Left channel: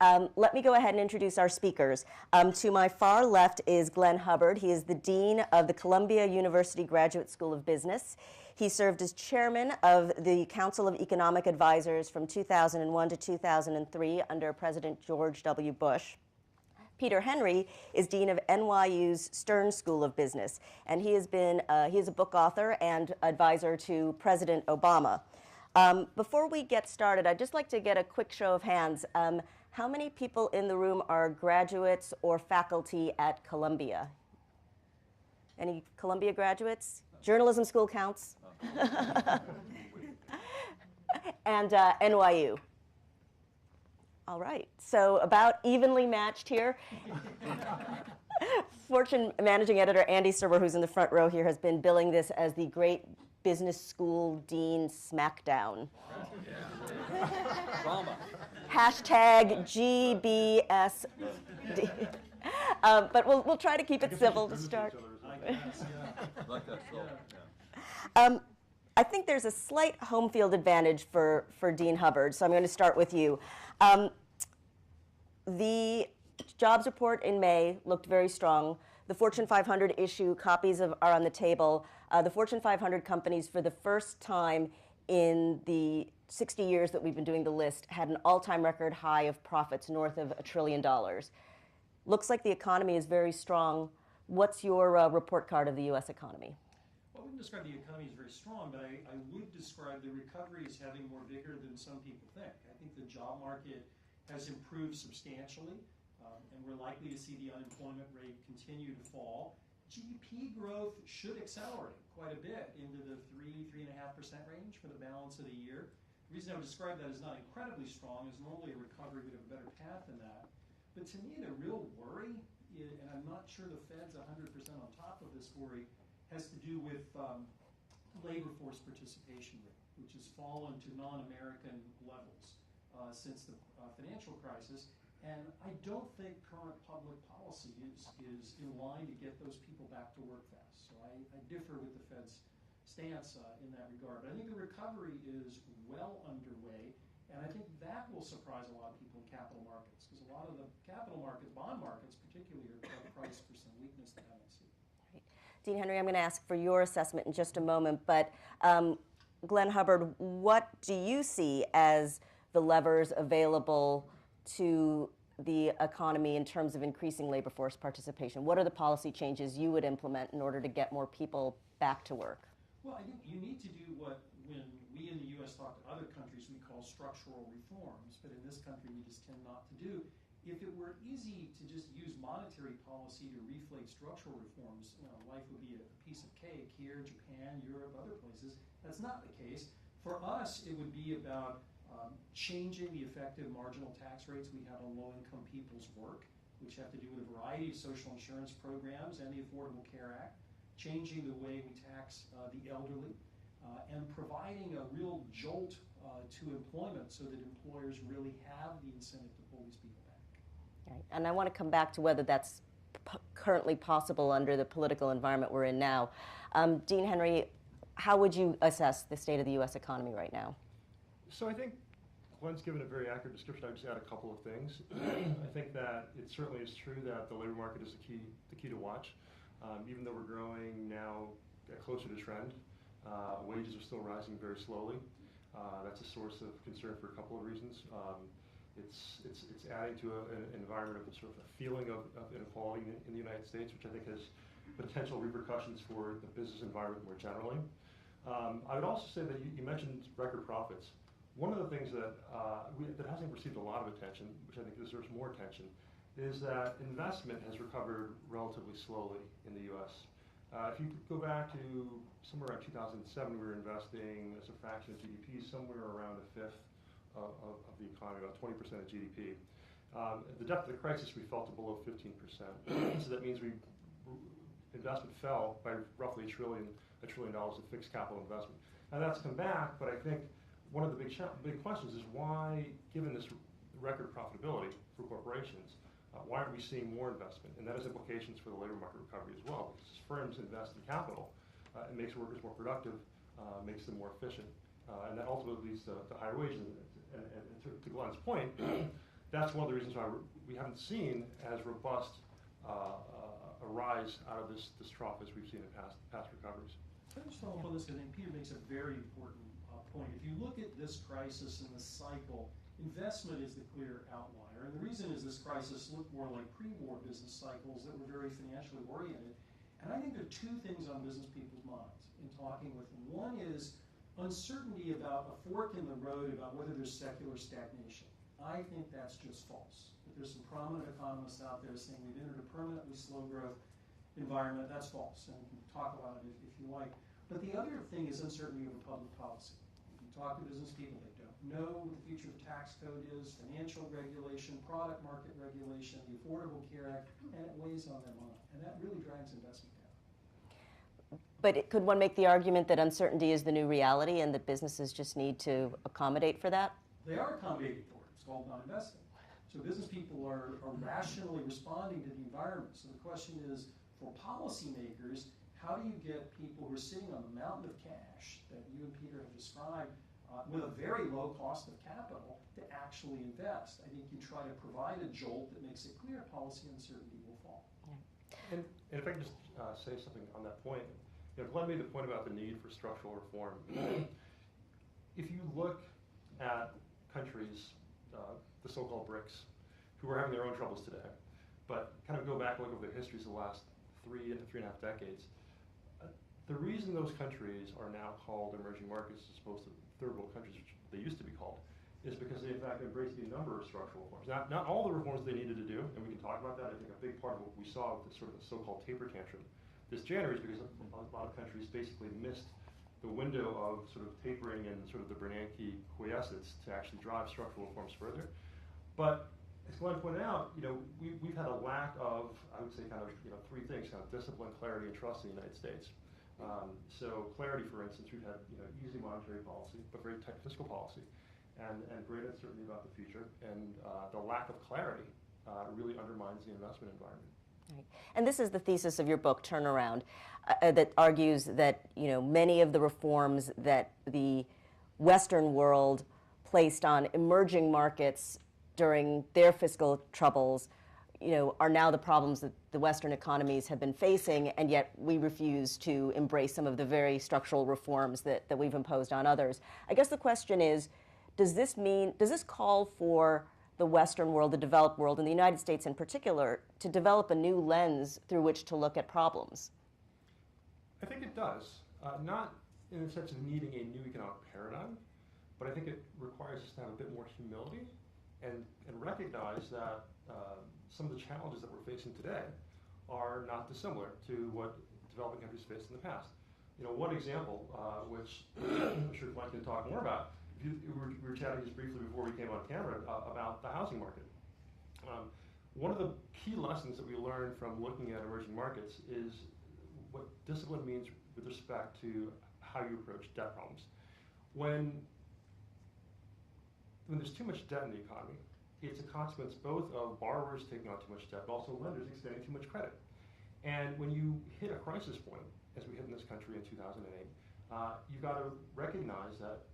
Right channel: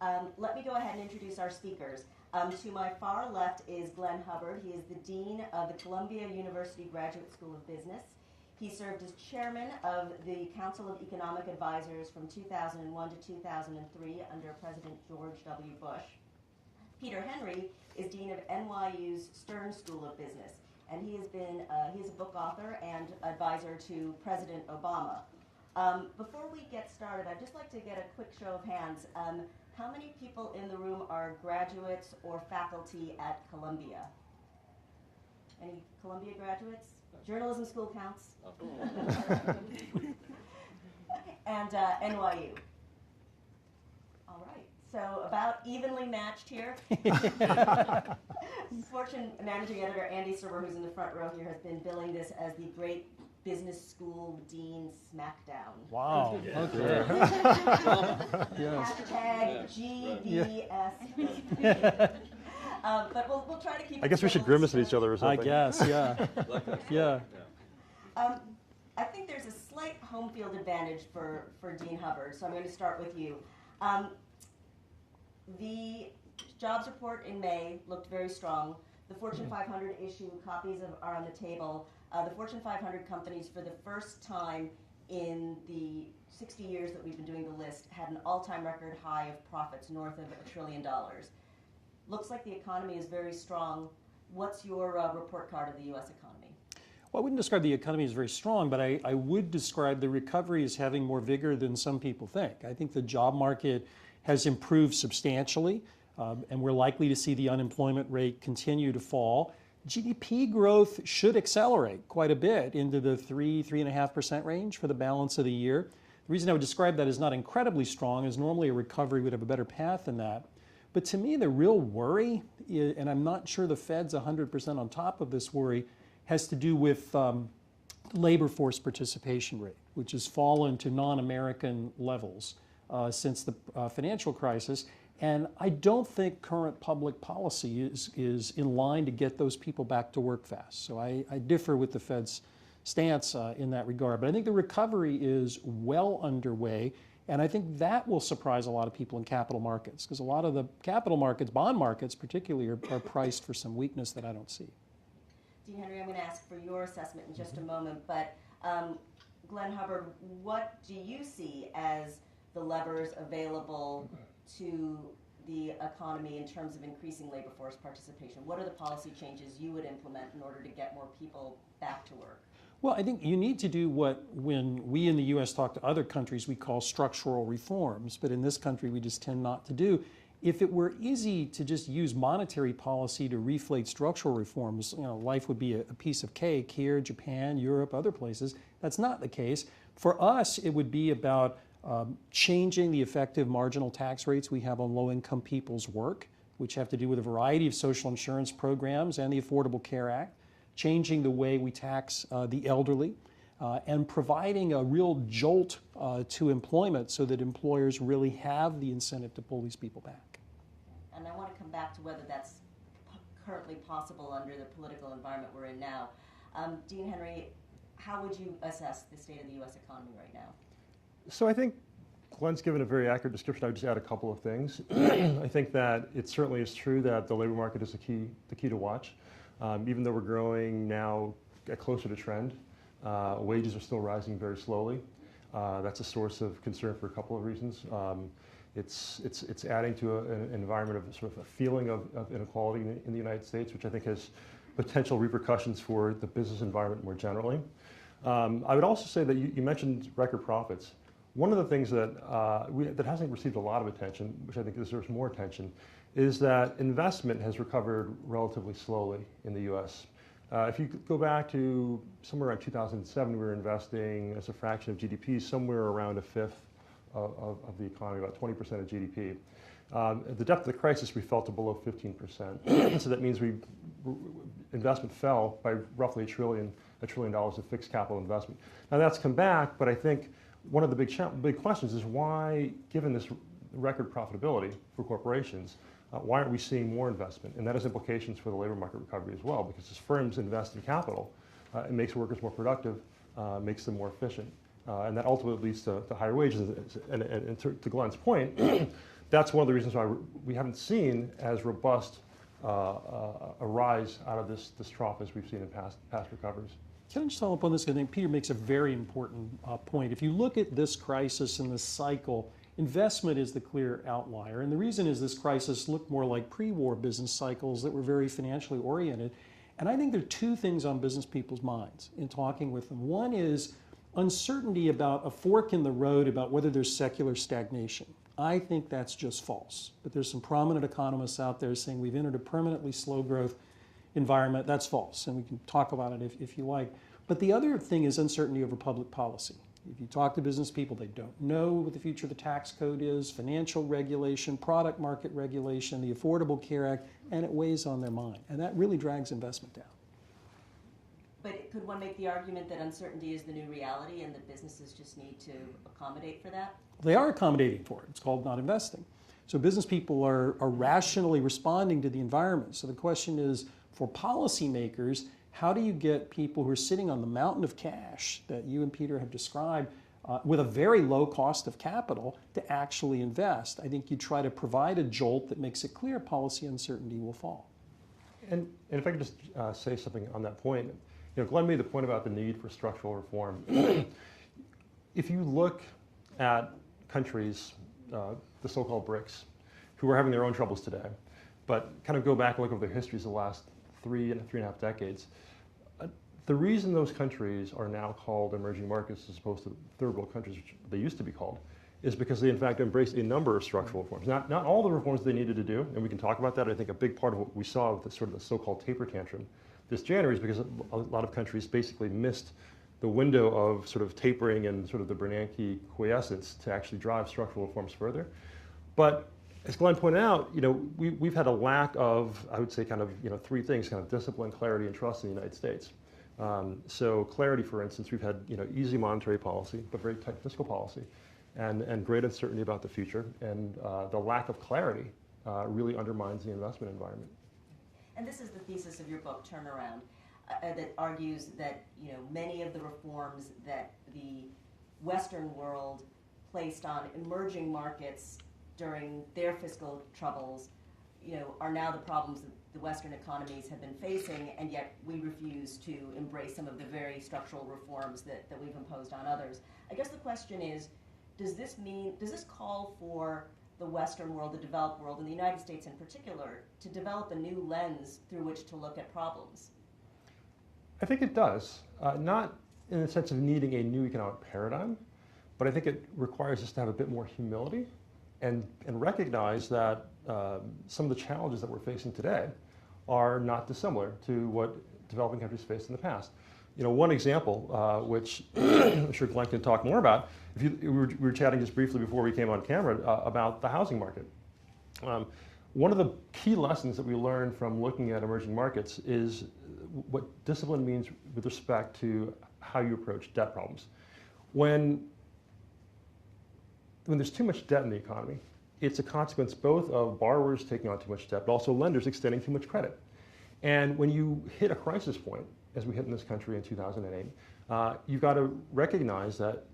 Let me go ahead and introduce our speakers. To my far left is Glenn Hubbard. He is the Dean of the Columbia University Graduate School of Business. He served as chairman of the Council of Economic Advisors from 2001 to 2003 under President George W. Bush. Peter Henry is Dean of NYU's Stern School of Business, and he is a book author and advisor to President Obama. Before we get started, I'd just like to get a quick show of hands. How many people in the room are graduates or faculty at Columbia? Any Columbia graduates? Journalism school counts. And NYU. All right, so about evenly matched here. Fortune managing editor Andy Serwer, who's in the front row here, has been billing this as the Great Business School Dean Smackdown. Wow, okay. Hashtag GBS. But we'll try to keep it I guess civil. we should grimace at each other or something. I guess, yeah. Yeah. I think there's a slight home field advantage for Dean Hubbard, so I'm going to start with you. The jobs report in May looked very strong. The Fortune 500 issue copies are on the table. The Fortune 500 companies, for the first time in the 60 years that we've been doing the list, had an all-time record high of profits north of $1 trillion. Looks like the economy is very strong. What's your report card of the U.S. economy? Well, I wouldn't describe the economy as very strong, but I would describe the recovery as having more vigor than some people think. I think the job market has improved substantially, and we're likely to see the unemployment rate continue to fall. GDP growth should accelerate quite a bit into the 3.5% range for the balance of the year. The reason I would describe that as not incredibly strong is normally a recovery would have a better path than that. But to me, the real worry, and I'm not sure the Fed's 100% on top of this worry, has to do with labor force participation rate, which has fallen to non-American levels since the financial crisis. And I don't think current public policy is in line to get those people back to work fast. So I differ with the Fed's stance in that regard. But I think the recovery is well underway. And I think that will surprise a lot of people in capital markets, because a lot of the capital markets, bond markets particularly, are priced for some weakness that I don't see. Dean Henry, I'm going to ask for your assessment in just a moment, but Glenn Hubbard, what do you see as the levers available to the economy in terms of increasing labor force participation? What are the policy changes you would implement in order to get more people back to work? Well, I think you need to do what, when we in the U.S. talk to other countries, we call structural reforms, but in this country we just tend not to do. If it were easy to just use monetary policy to reflate structural reforms, life would be a piece of cake here, Japan, Europe, other places. That's not the case. For us, it would be about changing the effective marginal tax rates we have on low-income people's work, which have to do with a variety of social insurance programs and the Affordable Care Act, changing the way we tax the elderly, and providing a real jolt to employment so that employers really have the incentive to pull these people back. Right. And I want to come back to whether that's currently possible under the political environment we're in now. Dean Henry, how would you assess the state of the U.S. economy right now? So I think Glenn's given a very accurate description. I would just add a couple of things. I think that it certainly is true that the labor market is the key to watch. Even though we're growing now closer to trend, wages are still rising very slowly. That's a source of concern for a couple of reasons. It's adding to an environment of sort of a feeling of inequality in the United States, which I think has potential repercussions for the business environment more generally. I would also say that you mentioned record profits. One of the things that that hasn't received a lot of attention, which I think deserves more attention, is that investment has recovered relatively slowly in the U.S. If you go back to somewhere around 2007, we were investing as a fraction of GDP somewhere around a fifth of the economy, about 20% of GDP. At the depth of the crisis, we fell to below 15%. So that means investment fell by roughly $1 trillion of fixed capital investment. Now that's come back, but I think one of the big questions is why, given this record profitability for corporations, why aren't we seeing more investment? And that has implications for the labor market recovery as well, because as firms invest in capital, it makes workers more productive, makes them more efficient, and that ultimately leads to higher wages. And to Glenn's point, that's one of the reasons why we haven't seen as robust a rise out of this trough as we've seen in past recoveries. Can I just follow up on this? I think Peter makes a very important point. If you look at this crisis and this cycle, investment is the clear outlier. And the reason is this crisis looked more like pre-war business cycles that were very financially oriented. And I think there are two things on business people's minds in talking with them. One is uncertainty about a fork in the road about whether there's secular stagnation. I think that's just false. But there's some prominent economists out there saying we've entered a permanently slow growth environment. That's false, and we can talk about it if you like. But the other thing is uncertainty over public policy. If you talk to business people, they don't know what the future of the tax code is, financial regulation, product market regulation, the Affordable Care Act, and it weighs on their mind. And that really drags investment down. But could one make the argument that uncertainty is the new reality and that businesses just need to accommodate for that? They are accommodating for it. It's called not investing. So business people are rationally responding to the environment. So the question is, for policymakers, how do you get people who are sitting on the mountain of cash that you and Peter have described with a very low cost of capital to actually invest? I think you try to provide a jolt that makes it clear policy uncertainty will fall. And if I could just say something on that point, Glenn made the point about the need for structural reform. If you look at countries, the so-called BRICS, who are having their own troubles today, but kind of go back and look over their histories of the last 3.5 decades, the reason those countries are now called emerging markets as opposed to third world countries, which they used to be called, is because they in fact embraced a number of structural reforms. Not all the reforms they needed to do, and we can talk about that. I think a big part of what we saw with the sort of the so-called taper tantrum this January is because a lot of countries basically missed the window of sort of tapering and sort of the Bernanke quiescence to actually drive structural reforms further. But as Glenn pointed out, we've had a lack of, I would say, kind of three things: kind of discipline, clarity, and trust in the United States. So clarity, for instance, we've had easy monetary policy, but very tight fiscal policy, and great uncertainty about the future. And the lack of clarity really undermines the investment environment. And this is the thesis of your book, Turnaround, that argues that many of the reforms that the Western world placed on emerging markets during their fiscal troubles, are now the problems that the Western economies have been facing, and yet we refuse to embrace some of the very structural reforms that we've imposed on others. I guess the question is, does this call for the Western world, the developed world, and the United States in particular, to develop a new lens through which to look at problems? I think it does. Not in the sense of needing a new economic paradigm, but I think it requires us to have a bit more humility and recognize that some of the challenges that we're facing today are not dissimilar to what developing countries faced in the past. One example, which I'm sure Glenn can talk more about, we were chatting just briefly before we came on camera about the housing market. One of the key lessons that we learned from looking at emerging markets is what discipline means with respect to how you approach debt problems. When there's too much debt in the economy, it's a consequence both of borrowers taking on too much debt, but also lenders extending too much credit. And when you hit a crisis point, as we hit in this country in 2008, you've got to recognize that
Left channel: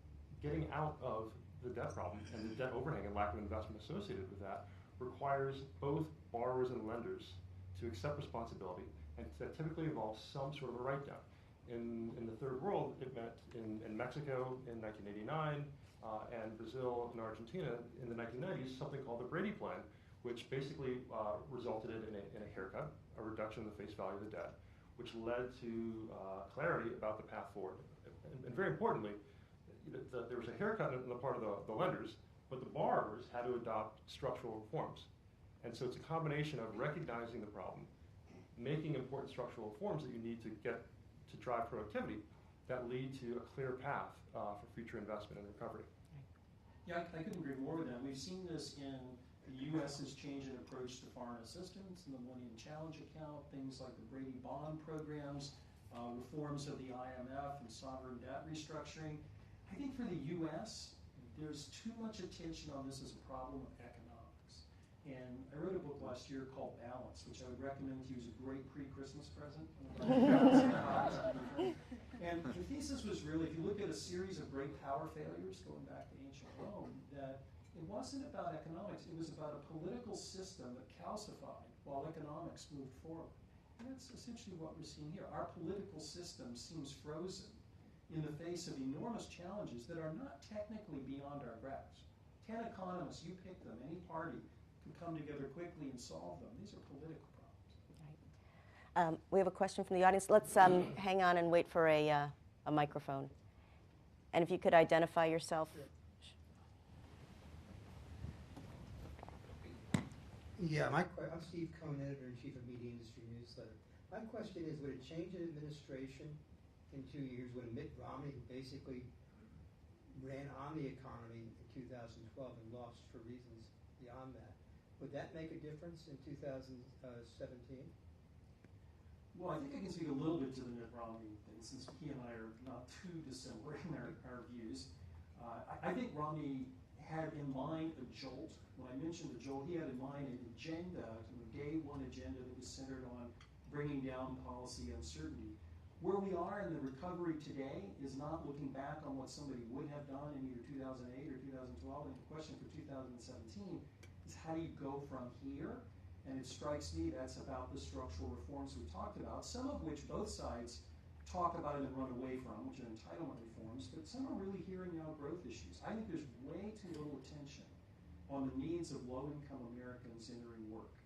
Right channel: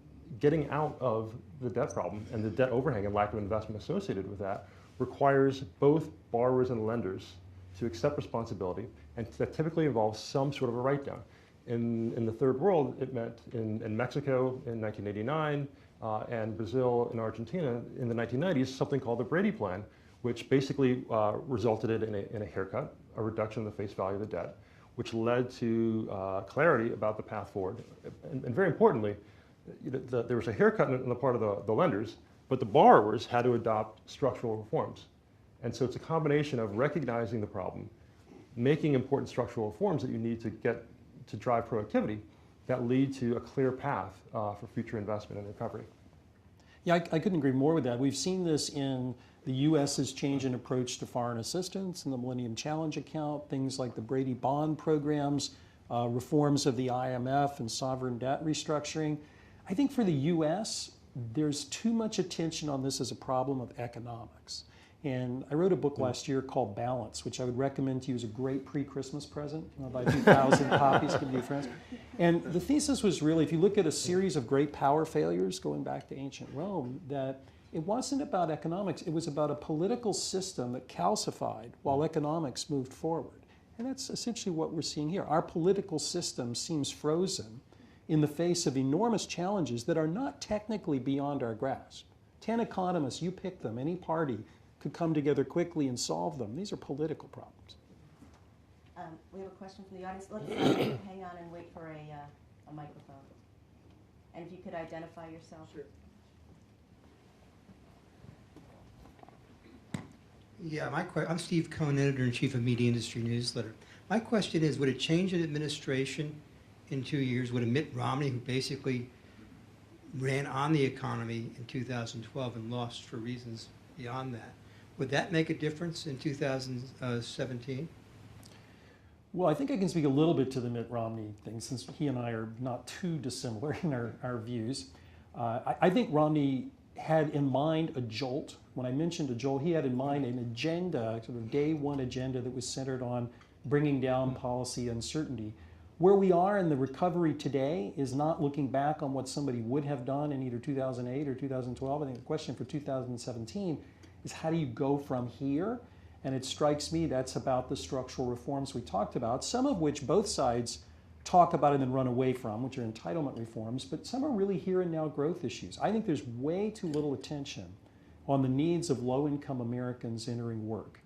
getting out of the debt problem and the debt overhang and lack of investment associated with that requires both borrowers and lenders to accept responsibility, and that typically involves some sort of a write-down. In the third world, it meant in Mexico in 1989, and Brazil and Argentina in the 1990s, something called the Brady Plan, which basically resulted in a haircut, a reduction in the face value of the debt, which led to clarity about the path forward. And very importantly, there was a haircut on the part of the lenders, but the borrowers had to adopt structural reforms. And so it's a combination of recognizing the problem, making important structural reforms that you need to get to drive productivity that lead to a clear path for future investment and recovery. Yeah, I couldn't agree more with that. We've seen this in the U.S.'s change in approach to foreign assistance and the Millennium Challenge account, things like the Brady bond programs, reforms of the IMF and sovereign debt restructuring. I think for the U.S., there's too much attention on this as a problem of economics. And I wrote a book last year called Balance, which I would recommend to you as a great pre-Christmas present. About 2,000 copies to your friends. And the thesis was really, if you look at a series of great power failures going back to ancient Rome, that it wasn't about economics. It was about a political system that calcified while economics moved forward. And that's essentially what we're seeing here. Our political system seems frozen in the face of enormous challenges that are not technically beyond our grasp. 10 economists, you pick them, any party could come together quickly and solve them. These are political problems. We have a question from the audience. Let's hang on and wait for a microphone. And if you could identify yourself. Sure. Yeah, I'm Steve Cohn, editor-in-chief of Media Industry Newsletter. My question is, would a change in administration in 2 years, would a Mitt Romney, who basically ran on the economy in 2012 and lost for reasons beyond that, would that make a difference in 2017? Well, I think I can speak a little bit to the Mitt Romney thing, since he and I are not too dissimilar in our views. I think Romney had in mind a jolt. When I mentioned a jolt, he had in mind an agenda, sort of day one agenda that was centered on bringing down policy uncertainty. Where we are in the recovery today is not looking back on what somebody would have done in either 2008 or 2012. I think the question for 2017 is, how do you go from here? And it strikes me that's about the structural reforms we talked about, some of which both sides talk about and then run away from, which are entitlement reforms, but some are really here and now growth issues. I think there's way too little attention on the needs of low-income Americans entering work.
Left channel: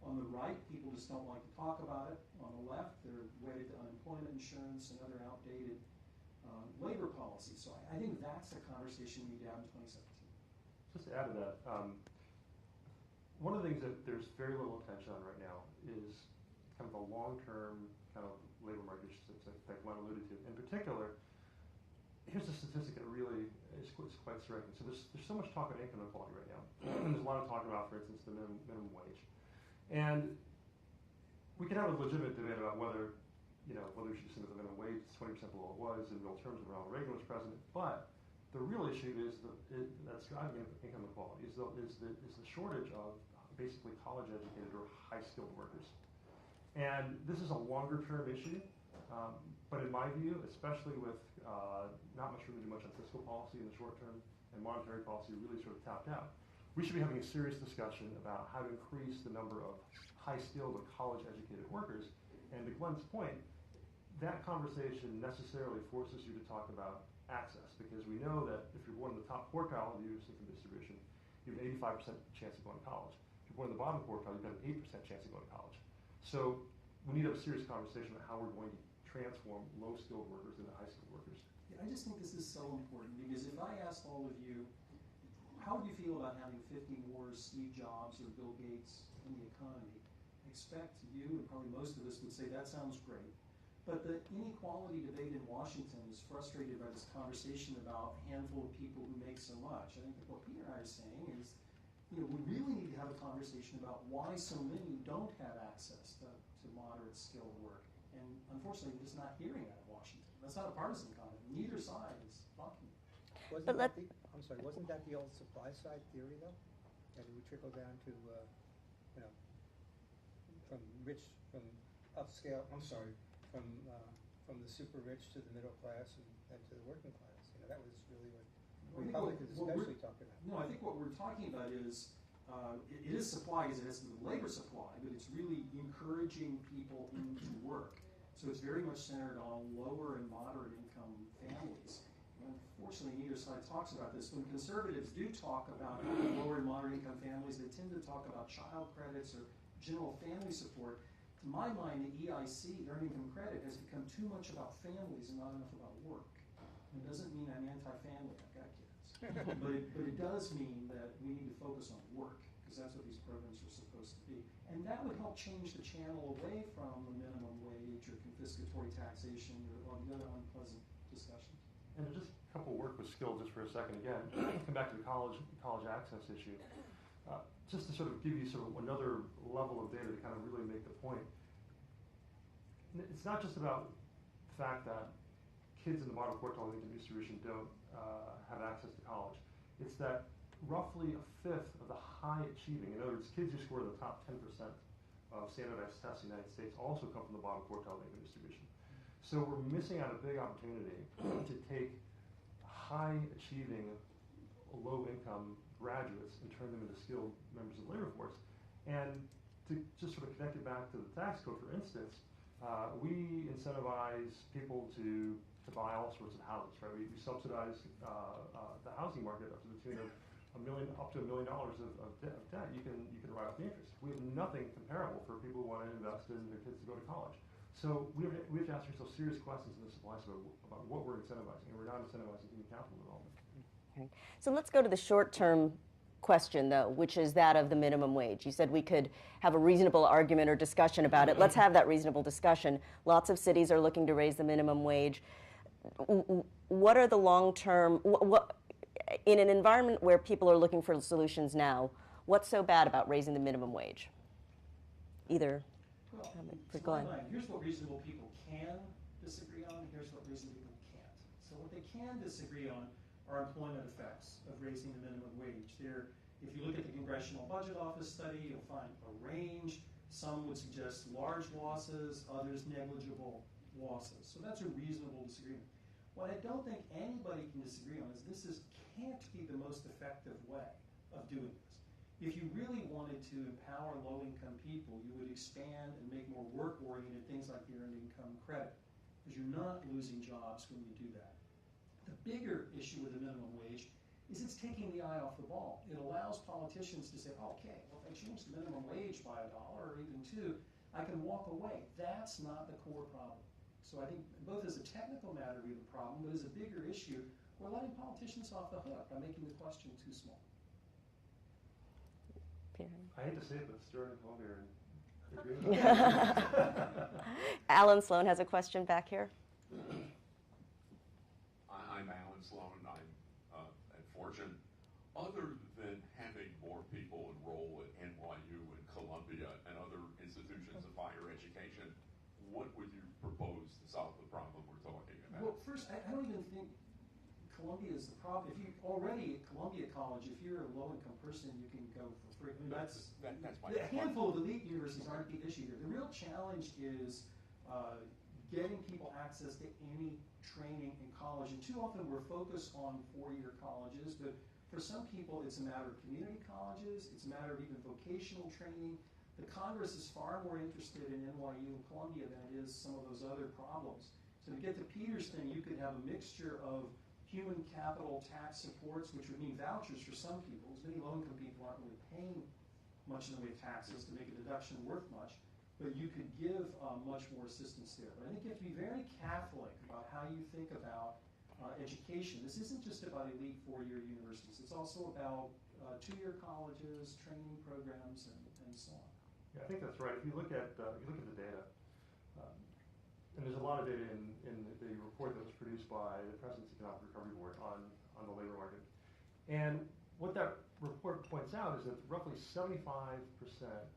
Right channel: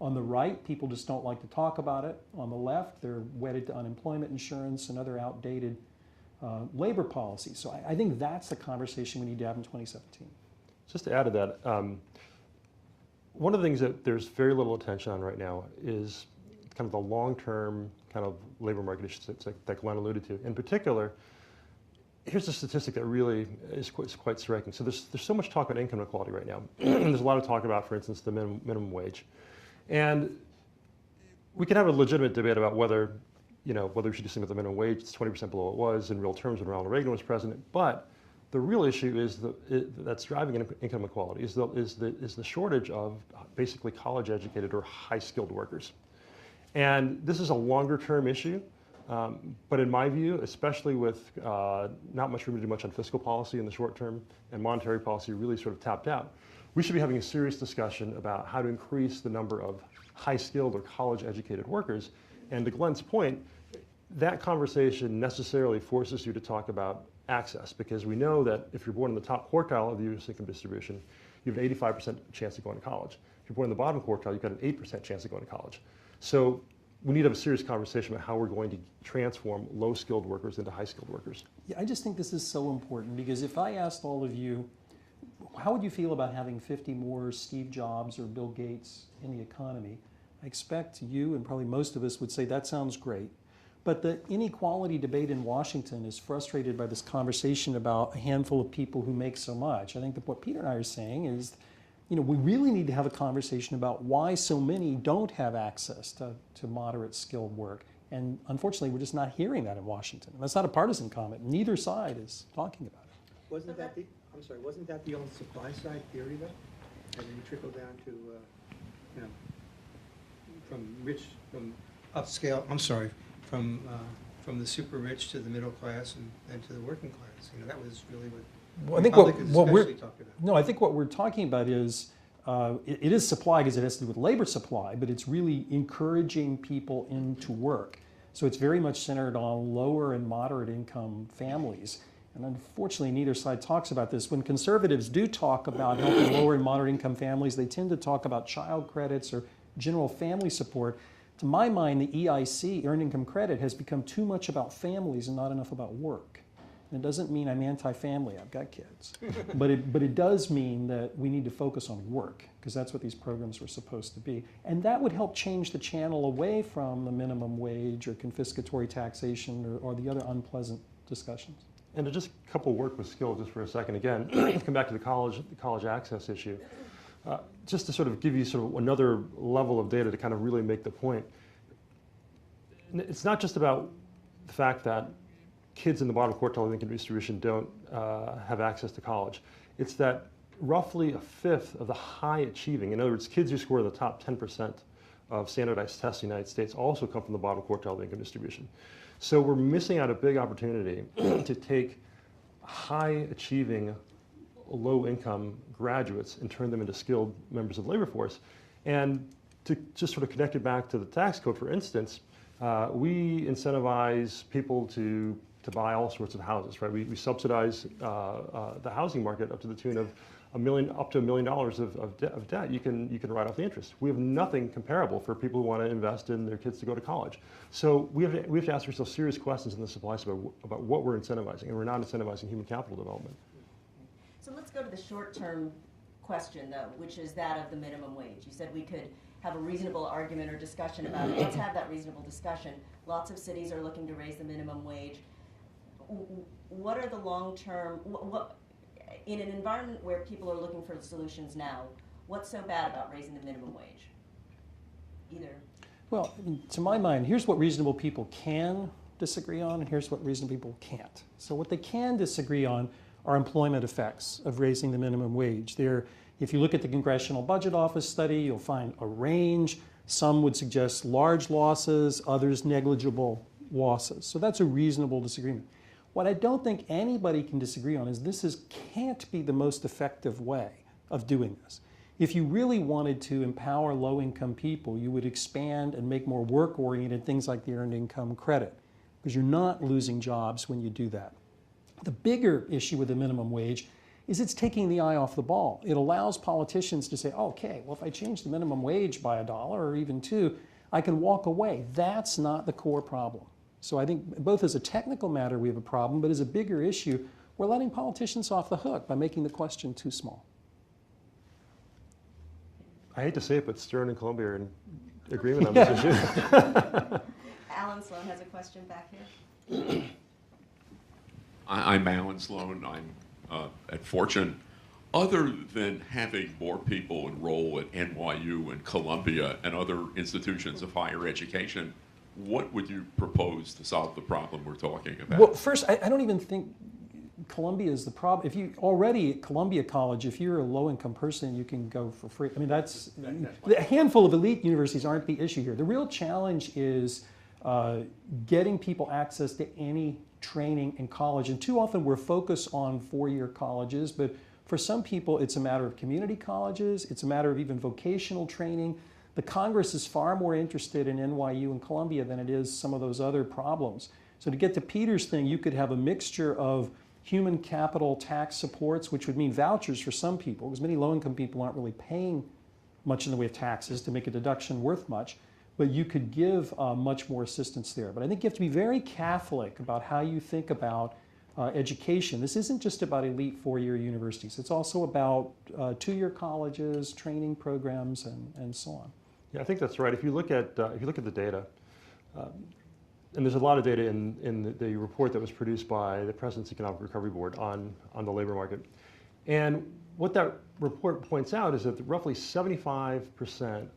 On the right, people just don't like to talk about it. On the left, they're wedded to unemployment insurance and other outdated labor policies. So I think that's the conversation we need to have in 2017. Just to add to that, one of the things that there's very little attention on right now is kind of the long-term kind of labor market issues that Glenn alluded to. In particular, here's a statistic that really is quite striking. So there's so much talk about income inequality right now. There's a lot of talk about, for instance, the minimum wage. And we can have a legitimate debate about whether we should do something with the minimum wage. It's 20% below what it was in real terms when Ronald Reagan was president. But the real issue is that's driving income inequality is the shortage of basically college-educated or high-skilled workers. And this is a longer-term issue. But in my view, especially with not much room to do much on fiscal policy in the short term and monetary policy really sort of tapped out, we should be having a serious discussion about how to increase the number of high-skilled or college-educated workers. And to Glenn's point, that conversation necessarily forces you to talk about access, because we know that if you're born in the top quartile of the U.S. income distribution, you have an 85% chance of going to college. If you're born in the bottom quartile, you've got an 8% chance of going to college. So we need to have a serious conversation about how we're going to transform low-skilled workers into high-skilled workers. Yeah, I just think this is so important, because if I asked all of you, how would you feel about having 50 more Steve Jobs or Bill Gates in the economy? I expect you and probably most of us would say that sounds great. But the inequality debate in Washington is frustrated by this conversation about a handful of people who make so much. I think that what Peter and I are saying is, we really need to have a conversation about why so many don't have access to moderate skilled work. And unfortunately, we're just not hearing that in Washington. That's not a partisan comment. Neither side is talking about it. Wasn't that the old supply side theory though? And you trickle down to, from the super rich to the middle class and to the working class. That was really what Republicans talked about. No, I think what we're talking about is, it is supply because it has to do with labor supply, but it's really encouraging people into work. So it's very much centered on lower and moderate income families. And unfortunately, neither side talks about this. When conservatives do talk about helping lower and moderate income families, they tend to talk about child credits or general family support. To my mind, the EIC, Earned Income Credit, has become too much about families and not enough about work. And it doesn't mean I'm anti-family, I've got kids. but it does mean that we need to focus on work, because that's what these programs were supposed to be. And that would help change the channel away from the minimum wage or confiscatory taxation or the other unpleasant discussions. And to just couple work with skill just for a second again, come back to the college access issue. Just to sort of give you sort of another level of data to kind of really make the point. It's not just about the fact that kids in the bottom quartile of the income distribution don't have access to college. It's that roughly a fifth of the high achieving, in other words, kids who score in the top 10% of standardized tests in the United States also come from the bottom quartile of the income distribution. So we're missing out a big opportunity to take high achieving low-income graduates and turn them into skilled members of the labor force. And to just sort of connect it back to the tax code, for instance, we incentivize people to buy all sorts of houses, right? We subsidize the housing market up to the tune of up to $1 million of debt. You can write off the interest. We have nothing comparable for people who want to invest in their kids to go to college. So we have to ask ourselves serious questions in the supply side about what we're incentivizing, and we're not incentivizing human capital development. Okay. So let's go to the short-term question, though, which is that of the minimum wage. You said we could have a reasonable argument or discussion about it. Let's have that reasonable discussion. Lots of cities are looking to raise the minimum wage. What are the long-term, in an environment where people are looking for solutions now, what's so bad about raising the minimum wage? Either. Well, to my mind, here's what reasonable people can disagree on, and here's what reasonable people can't. So what they can disagree on are employment effects of raising the minimum wage. If you look at the Congressional Budget Office study, you'll find a range. Some would suggest large losses, others negligible losses. So that's a reasonable disagreement. What I don't think anybody can disagree on is can't be the most effective way of doing this. If you really wanted to empower low-income people, you would expand and make more work-oriented things like the Earned Income Credit, because you're not losing jobs when you do that. The bigger issue with the minimum wage is it's taking the eye off the ball. It allows politicians to say, okay, well, if I change the minimum wage by $1 or even $2, I can walk away. That's not the core problem. So I think both as a technical matter we have a problem, but as a bigger issue, we're letting politicians off the hook by making the question too small. I hate to say it, but Stern and Columbia are in agreement on this issue. Alan Sloan has a question back here. I'm Alan Sloan. I'm at Fortune. Other than having more people enroll at NYU and Columbia and other institutions of higher education, what would you propose to solve the problem we're talking about? Well, first, I don't even think Columbia is the problem. If you already at Columbia College, if you're a low-income person, you can go for free. I mean, a handful of elite universities aren't the issue here. The real challenge is getting people access to any training in college. And too often we're focused on four-year colleges, but for some people it's a matter of community colleges, it's a matter of even vocational training. The Congress is far more interested in NYU and Columbia than it is some of those other problems. So to get to Peter's thing, you could have a mixture of human capital tax supports, which would mean vouchers for some people, because many low-income people aren't really paying much in the way of taxes to make a deduction worth much, but you could give much more assistance there. But I think you have to be very Catholic about how you think about education. This isn't just about elite four-year universities. It's also about two-year colleges, training programs, and so on. Yeah, I think that's right. If you look at the data, and there's a lot of data in the report that was produced by the President's Economic Recovery Board on the labor market, and what that report points out is that roughly 75%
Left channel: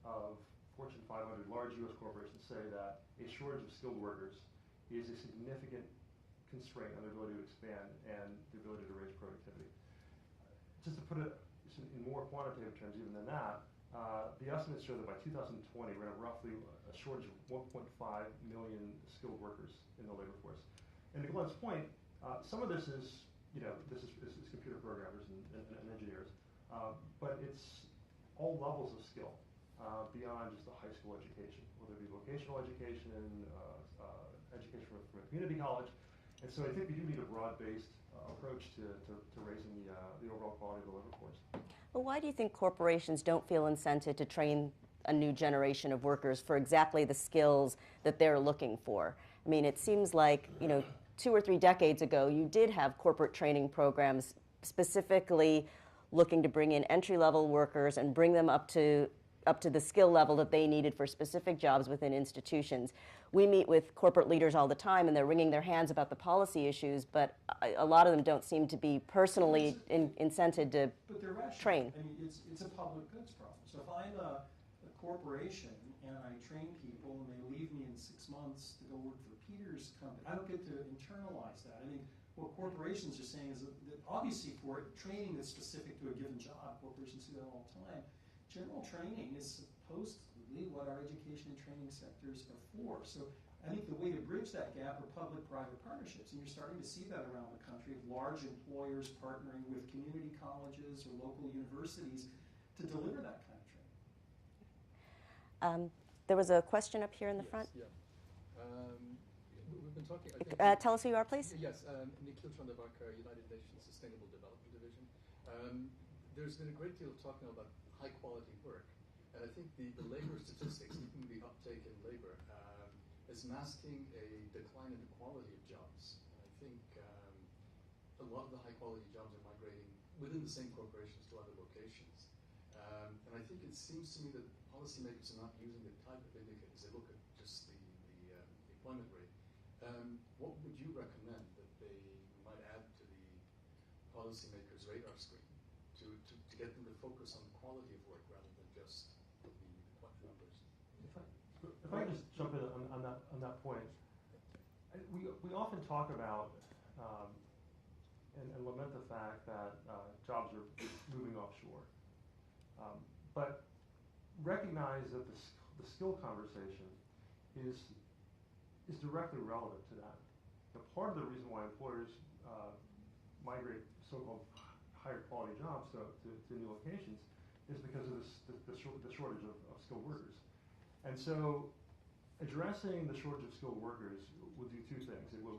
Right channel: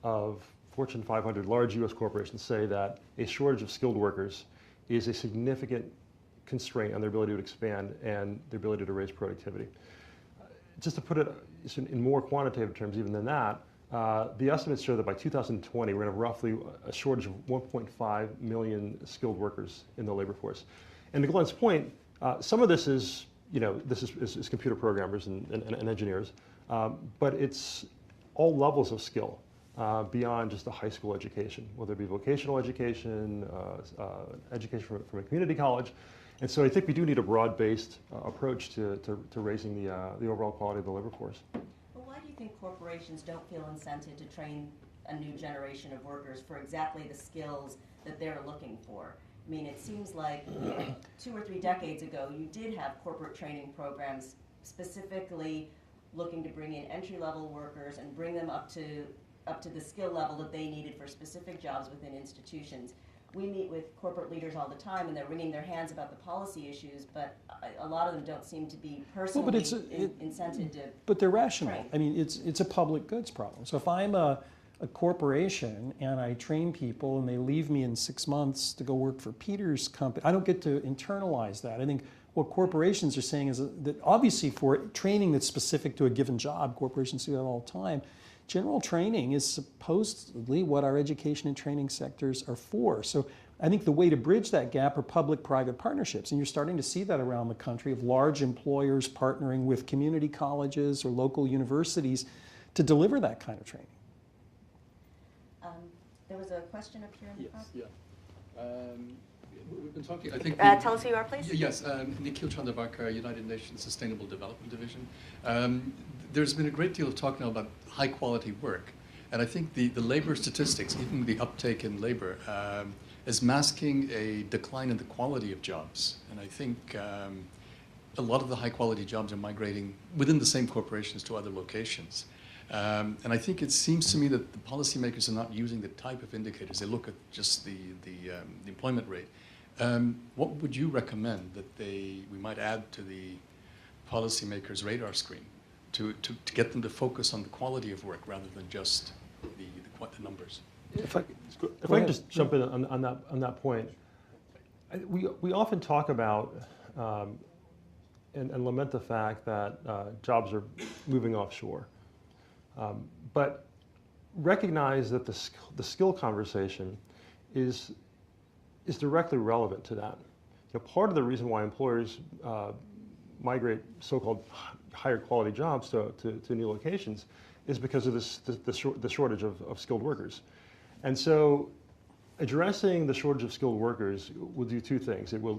of Fortune 500 large U.S. corporations say that a shortage of skilled workers is a significant constraint on their ability to expand and their ability to raise productivity. Just to put it in more quantitative terms even than that, the estimates show that by 2020 we're going to have roughly a shortage of 1.5 million skilled workers in the labor force. And to Glenn's point, some of this is, this is computer programmers and engineers, but it's all levels of skill beyond just a high school education, whether it be vocational education, education from a community college. And so I think we do need a broad-based approach to raising the overall quality of the labor force. Well, why do you think corporations don't feel incented to train a new generation of workers for exactly the skills that they're looking for? I mean, it seems like 2 or 3 decades ago, you did have corporate training programs specifically looking to bring in entry-level workers and bring them up to the skill level that they needed for specific jobs within institutions. We meet with corporate leaders all the time, and they're wringing their hands about the policy issues, but a lot of them don't seem to be personally incented to But they're rational. train. I mean, it's a public goods problem. So if I'm a corporation and I train people and they leave me in 6 months to go work for Peter's company, I don't get to internalize that. I think what corporations are saying is that obviously for training that's specific to a given job, corporations do that all the time, general training is supposedly what our education and training sectors are for. So I think the way to bridge that gap are public-private partnerships, and you're starting to see that around the country of large employers partnering with community colleges or local universities to deliver that kind of training. There was a question up here in the front. Yeah. We've been talking, I think. Tell us who you are, please. Yes, Nikhil Chandrabhakar, United Nations Sustainable Development Division. There's been a great deal of talk now about high quality work. And I think the labor statistics, even the uptake in labor, is masking a decline in the quality of jobs. And I think a lot of the high quality jobs are migrating within the same corporations to other locations. And I think it seems to me that the policymakers are not using the type of indicators. They look at just the employment rate. What would you recommend that we might add to the policymakers' radar screen to get them to focus on the quality of work rather than just the numbers? If I can just jump in on that point, we often talk about and lament the fact that jobs are moving offshore, but recognize that the skill conversation is directly relevant to that. Part of the reason why employers migrate so-called higher quality jobs to new locations is because of the shortage of skilled workers. And so addressing the shortage of skilled workers will do two things. It will,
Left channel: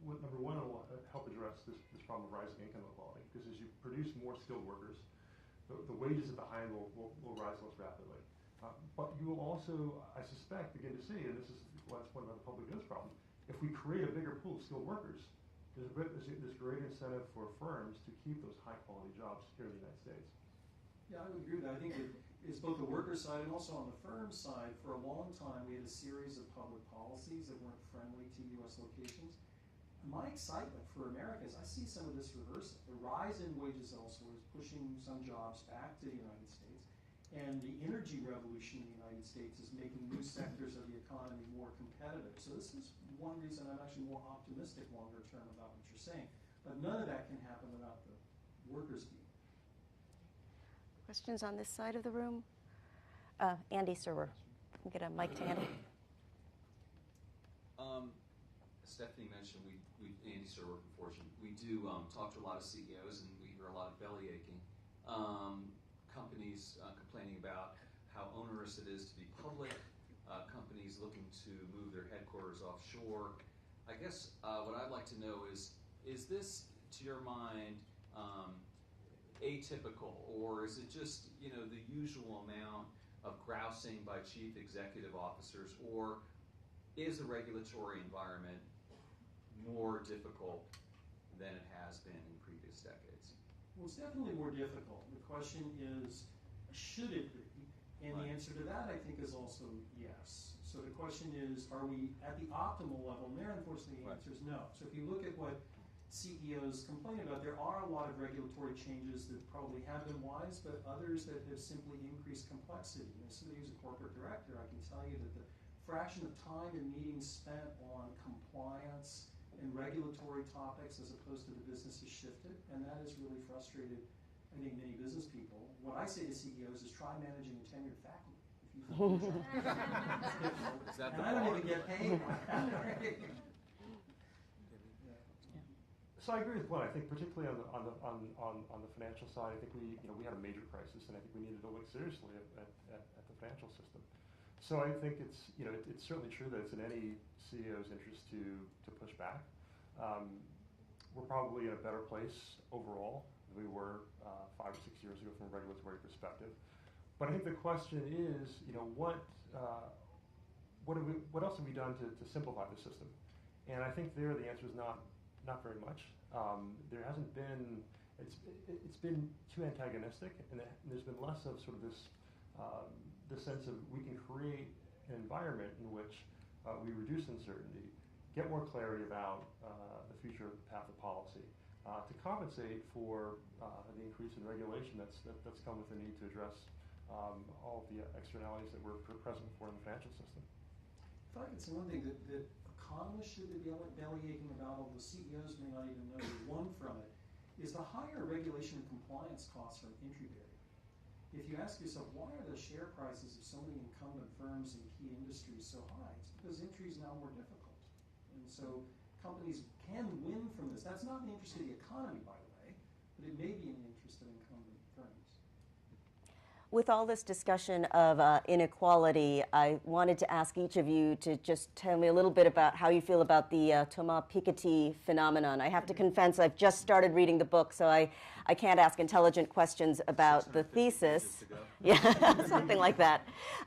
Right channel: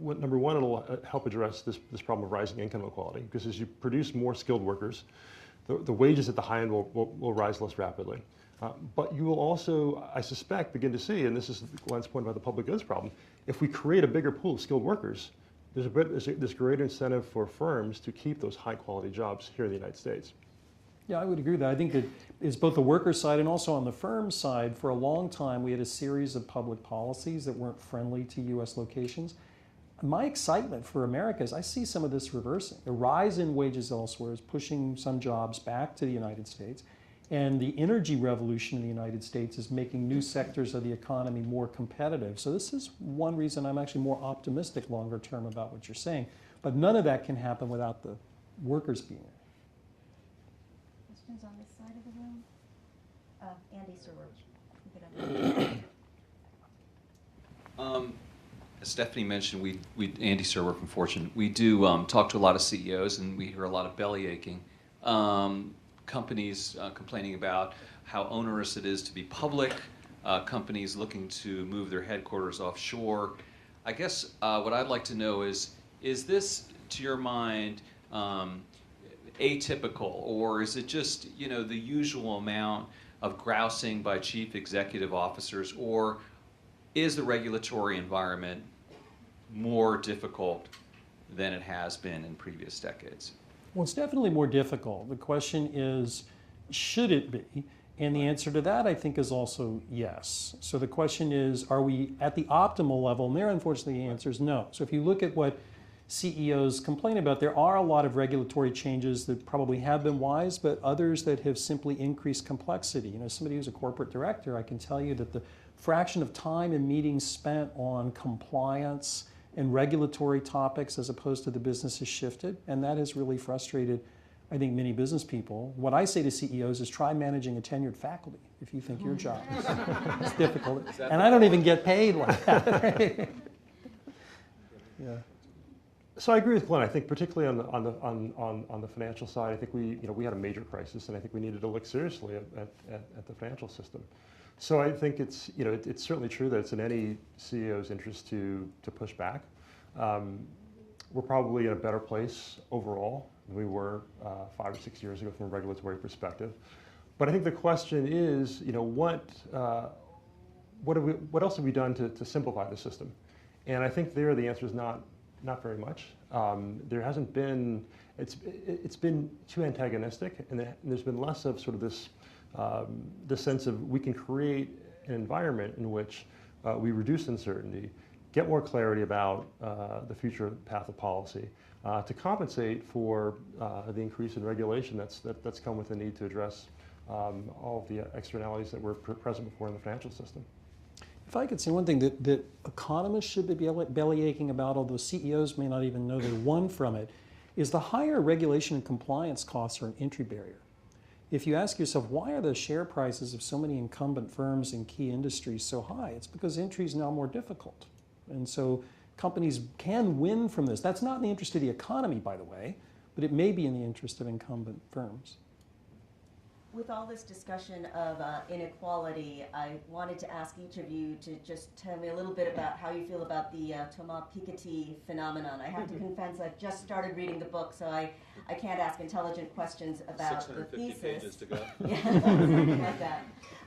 number one, it'll help address this problem of rising income inequality, because as you produce more skilled workers, the wages at the high end will rise less rapidly. But you will also, I suspect, begin to see, and this is Glenn's point about the public goods problem, if we create a bigger pool of skilled workers, there's greater incentive for firms to keep those high quality jobs here in the United States. Yeah, I would agree with that. I think that it's both the worker side and also on the firm side. For a long time, we had a series of public policies that weren't friendly to U.S. locations. My excitement for America is I see some of this reversing. The rise in wages elsewhere is pushing some jobs back to the United States. And the energy revolution in the United States is making new sectors of the economy more competitive. So this is one reason I'm actually more optimistic longer term about what you're saying. But none of that can happen without the workers being there. Questions on this side of the room? Andy Serwer. Can get a mic to him. As Stephanie mentioned, Andy Serwer from Fortune, we do talk to a lot of CEOs, and we hear a lot of belly aching. Companies complaining about how onerous it is to be public, companies looking to move their headquarters offshore. I guess what I'd like to know is this, to your mind, atypical, or is it just the usual amount of grousing by chief executive officers, or is the regulatory environment more difficult than it has been in previous decades? Well, it's definitely more difficult. The question is, should it be? And the answer to that, I think, is also yes. So the question is, are we at the optimal level? And there, unfortunately, the answer is no. So if you look at what CEOs complain about, there are a lot of regulatory changes that probably have been wise, but others that have simply increased complexity. Somebody who's a corporate director, I can tell you that the fraction of time and meetings spent on compliance and regulatory topics as opposed to the business has shifted, and that has really frustrated, I think, many business people. What I say to CEOs is try managing a tenured faculty if you think your job is difficult. And I don't even get paid like that. Right? Yeah. So I agree with Glenn. I think particularly on the financial side, I think we had a major crisis, and I think we needed to look seriously at the financial system. So I think it's certainly true that it's in any CEO's interest to push back. We're probably in a better place overall than we were 5 or 6 years ago from a regulatory perspective. But I think the question is, what else have we done to simplify the system? And I think there the answer is not very much. There hasn't been. It's been too antagonistic, and there's been less of sort of this sense of we can create an environment in which we reduce uncertainty, get more clarity about the future path of policy, to compensate for the increase in regulation that's come with the need to address all of the externalities that were present before in the financial system. If I could say one thing that economists should be belly aching about, although CEOs may not even know they won from it, is the higher regulation and compliance costs are an entry barrier. if you ask yourself, why are the share prices of so many incumbent firms in key industries so high? It's because entry is now more difficult. And so companies can win from this. That's not in the interest of the economy, by the way, but it may be in the interest of incumbent firms. With all this discussion of inequality, I wanted to ask each of you to just tell me a little bit about how you feel about the Thomas Piketty phenomenon. I have to confess, I've just started reading the book, so I can't ask intelligent questions about the thesis. Yeah, something like that.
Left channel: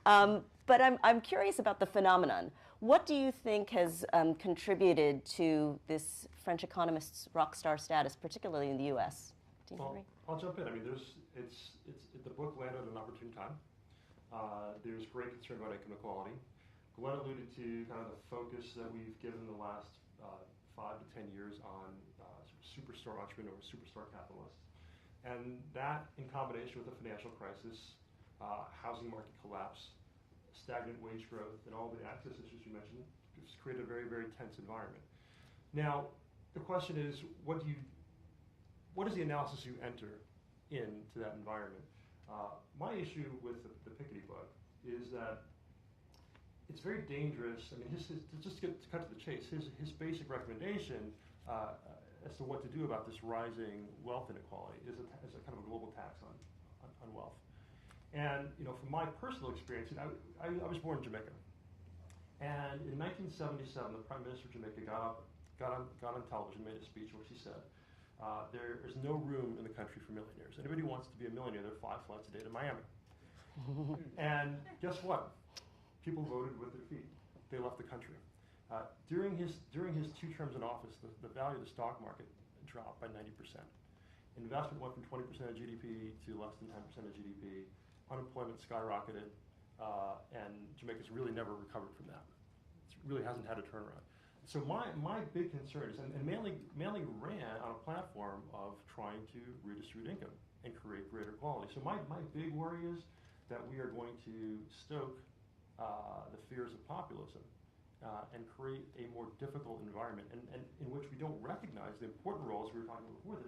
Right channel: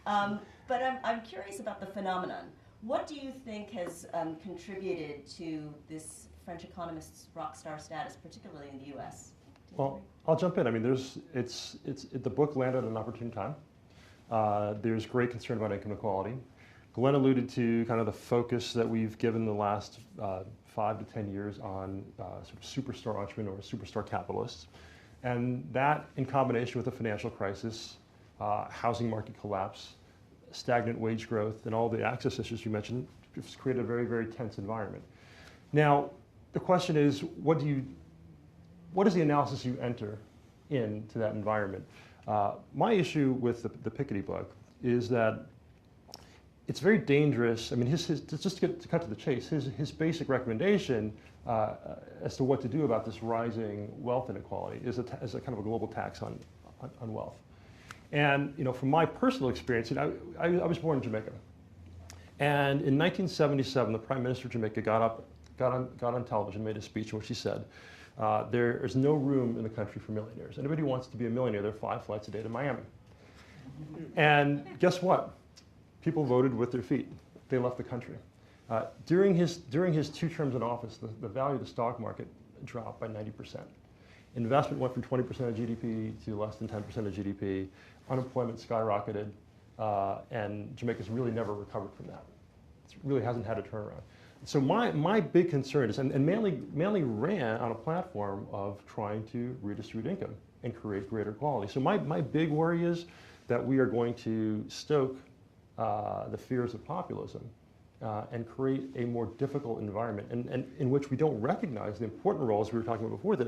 But I'm curious about the phenomenon. What do you think has contributed to this French economist's rock star status, particularly in the U.S.? Well, I'll jump in. I mean, the book landed at an opportune time. There's great concern about income inequality. Glenn alluded to kind of the focus that we've given the last 5 to 10 years on sort of superstar entrepreneurs, superstar capitalists. And that, in combination with the financial crisis, housing market collapse, stagnant wage growth, and all the access issues you mentioned, it's created a very, very tense environment. Now, the question is, what is the analysis you enter into that environment? My issue with the Piketty book is that it's very dangerous. I mean, just to cut to the chase, his basic recommendation as to what to do about this rising wealth inequality is a kind of a global tax on wealth. And from my personal experience, I was born in Jamaica, and in 1977, the Prime Minister of Jamaica got on television, made a speech in which he said, there is no room in the country for millionaires. Anybody who wants to be a millionaire, there are 5 flights a day to Miami. And guess what? People voted with their feet. They left the country. During his 2 terms in office, the value of the stock market dropped by 90%. Investment went from 20% of GDP to less than 10% of GDP. Unemployment skyrocketed, and Jamaica's really never recovered from that. It really hasn't had a turnaround. So my big concern is, and Manley ran on a platform of trying to redistribute income and create greater quality. So my big worry is that we are going to stoke the fears of populism and create a more difficult environment and in which we don't recognize the important roles we were talking about before that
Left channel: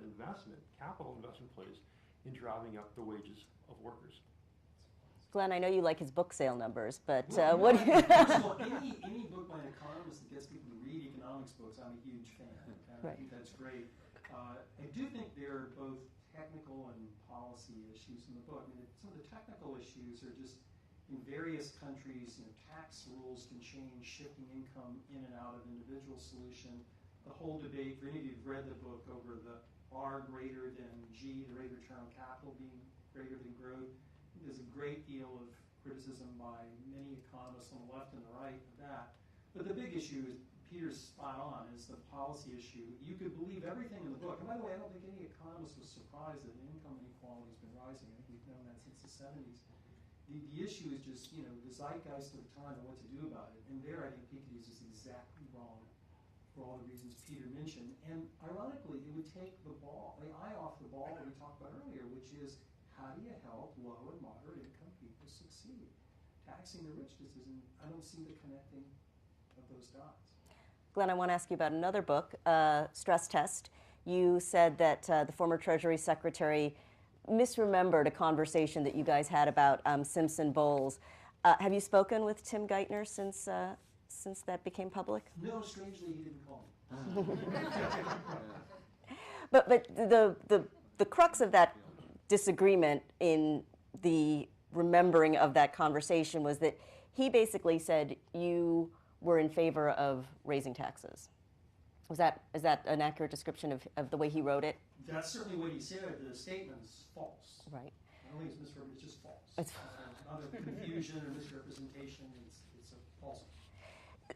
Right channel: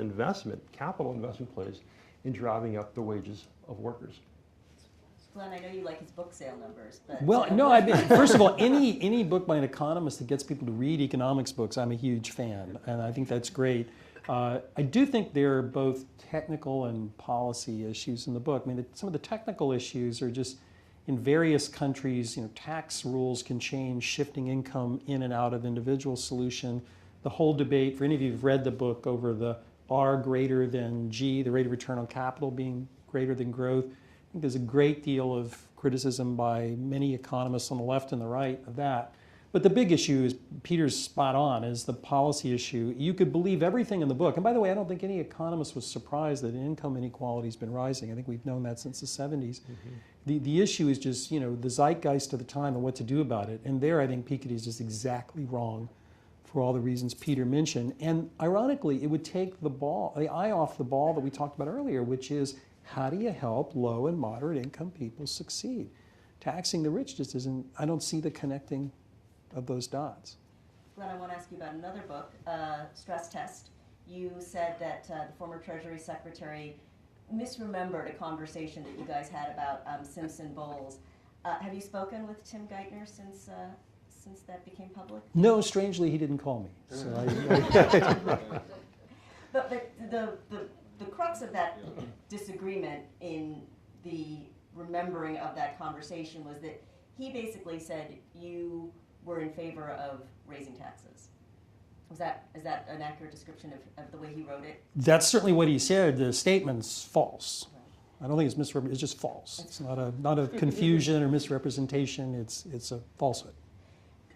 capital investment plays in driving up the wages of workers. Glenn, I know you like his book sale numbers, but well, no. First of all, any book by an economist that gets people to read economics books, I'm a huge fan, and I think that's great. I do think there are both technical and policy issues in the book. I mean, some of the technical issues are just in various countries. Tax rules can change, shifting income in and out of individual solution. The whole debate, for any of you who've read the book, over the R greater than G, the rate of return on capital being greater than growth. I think there's a great deal of criticism by many economists on the left and the right of that. But the big issue is, Peter's spot on, is the policy issue. You could believe everything in the book. And by the way, I don't think any economist was surprised that income inequality has been rising. I think we've known that since the 70s. Mm-hmm. The issue is just, the zeitgeist of the time and what to do about it. And there, I think Piketty is just exactly wrong for all the reasons Peter mentioned. And ironically, it would take the eye off the ball that we talked about earlier, which is, how do you help low and moderate income people succeed? Taxing the rich just isn't, I don't see the connecting of those dots. Glenn, I want to ask you about another book, Stress Test. You said that the former Treasury Secretary misremembered a conversation that you guys had about Simpson Bowles. Have you spoken with Tim Geithner since that became public? No, strangely, he didn't call me. So But the crux of that disagreement in the remembering of that conversation was that he basically said you were in favor of raising taxes. Is that an accurate description of the way he wrote it? That's certainly what he said. The statement's false. Right. I don't think it's just false. It's not a confusion or misrepresentation. It's a falsehood.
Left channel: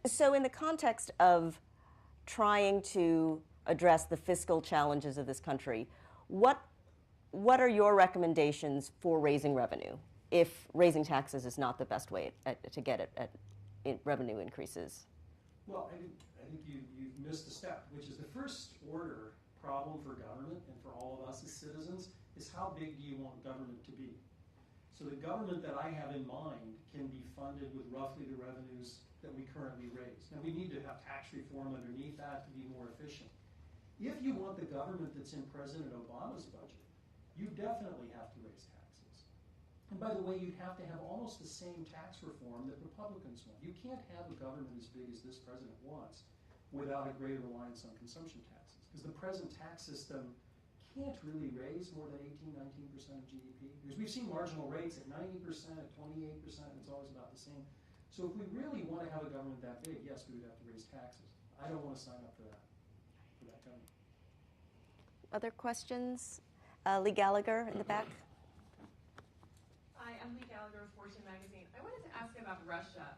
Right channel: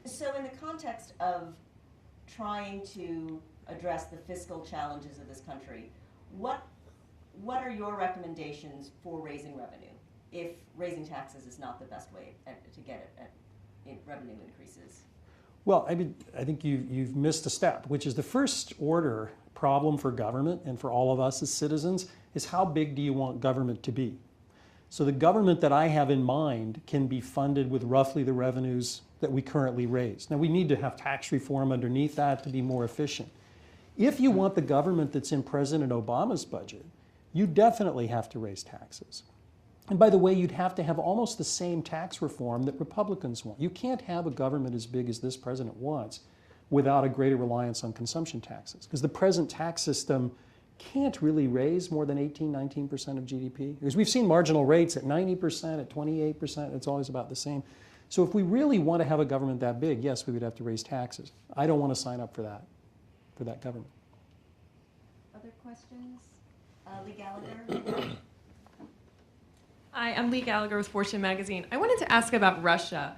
So in the context of trying to address the fiscal challenges of this country, what are your recommendations for raising revenue if raising taxes is not the best way to get it at revenue increases? Well, I think you've missed a step, which is the first order problem for government and for all of us as citizens is, how big do you want government to be? So the government that I have in mind can be funded with roughly the revenues that we currently raise. Now, we need to have tax reform underneath that to be more efficient. If you want the government that's in President Obama's budget, you definitely have to raise taxes. And by the way, you'd have to have almost the same tax reform that Republicans want. You can't have a government as big as this president wants without a greater reliance on consumption taxes. Because the present tax system can't really raise more than 18, 19% of GDP. Because we've seen marginal rates at 90%, at 28%, it's always about the same. So if we really want to have a government that big, yes, we would have to raise taxes. I don't want to sign up for that government. Other questions? Lee Gallagher in the back. Hi, I'm Lee Gallagher with Fortune Magazine. I wanted to ask about Russia.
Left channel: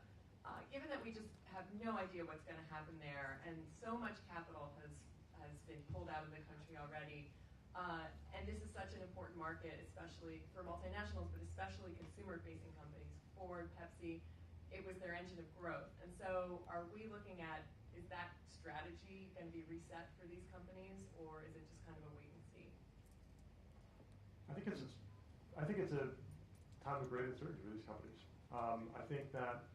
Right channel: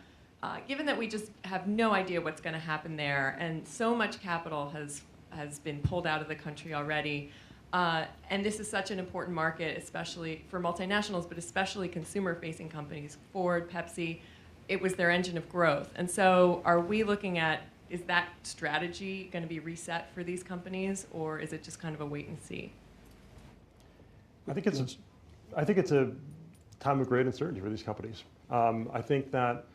Given that we just have no idea what's going to happen there, and so much capital has been pulled out of the country already, and this is such an important market, especially for multinationals, but especially consumer-facing companies, Ford, Pepsi, it was their engine of growth. And so are we looking at, is that strategy going to be reset for these companies, or is it just kind of a wait and see? I think it's a time of great uncertainty for these companies. I think that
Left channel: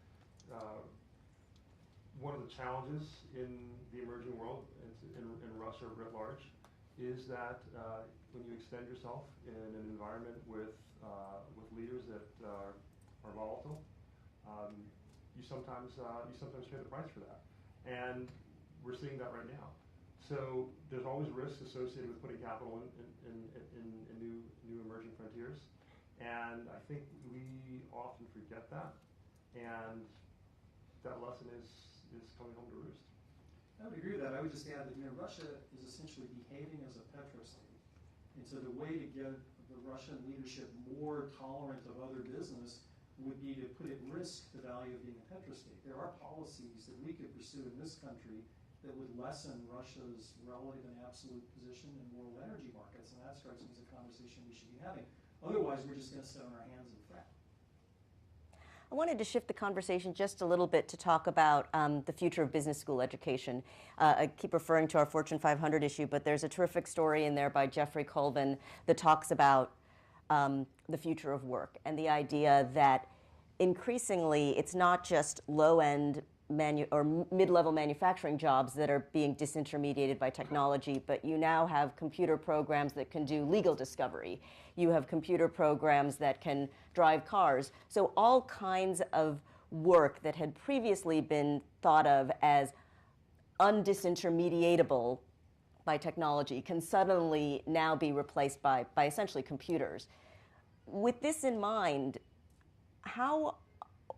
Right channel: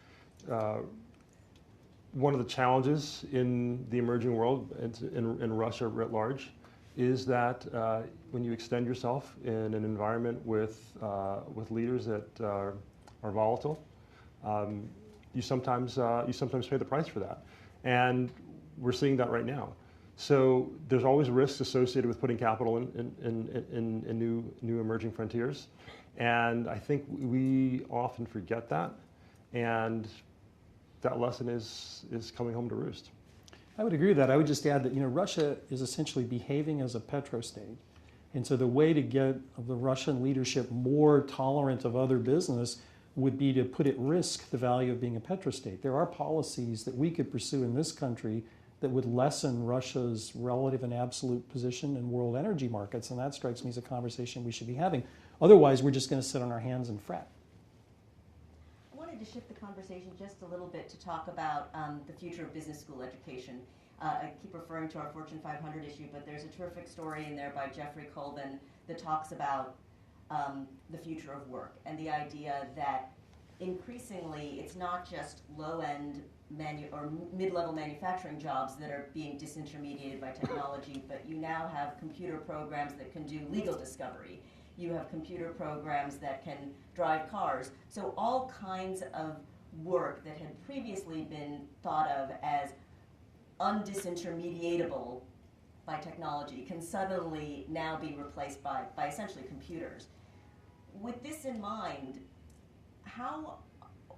one of the challenges in the emerging world, in Russia writ large, is that when you extend yourself in an environment with leaders that are volatile, you sometimes pay the price for that, and we're seeing that right now. So there's always risks associated with putting capital in new emerging frontiers, and I think we often forget that, and that lesson is coming home to roost. I would agree with that. I would just add that Russia is essentially behaving as a petrostate, and so the way to get the Russian leadership more tolerant of other business would be to put at risk the value of being a petrostate. There are policies that we could pursue in this country that would lessen Russia's relative and absolute position in world energy markets, and that strikes me as a conversation we should be having. Otherwise, we're just going to sit on our hands and fret. I wanted to shift the conversation just a little bit to talk about the future of business school education. I keep referring to our Fortune 500 issue, but there's a terrific story in there by Jeffrey Colvin that talks about the future of work and the idea that increasingly it's not just low-end or mid-level manufacturing jobs that are being disintermediated by technology, but you now have computer programs that can do legal discovery. You have computer programs that can drive cars. So all kinds of work that had previously been thought of as undisintermediatable by technology can suddenly now be replaced by essentially computers. With this in mind,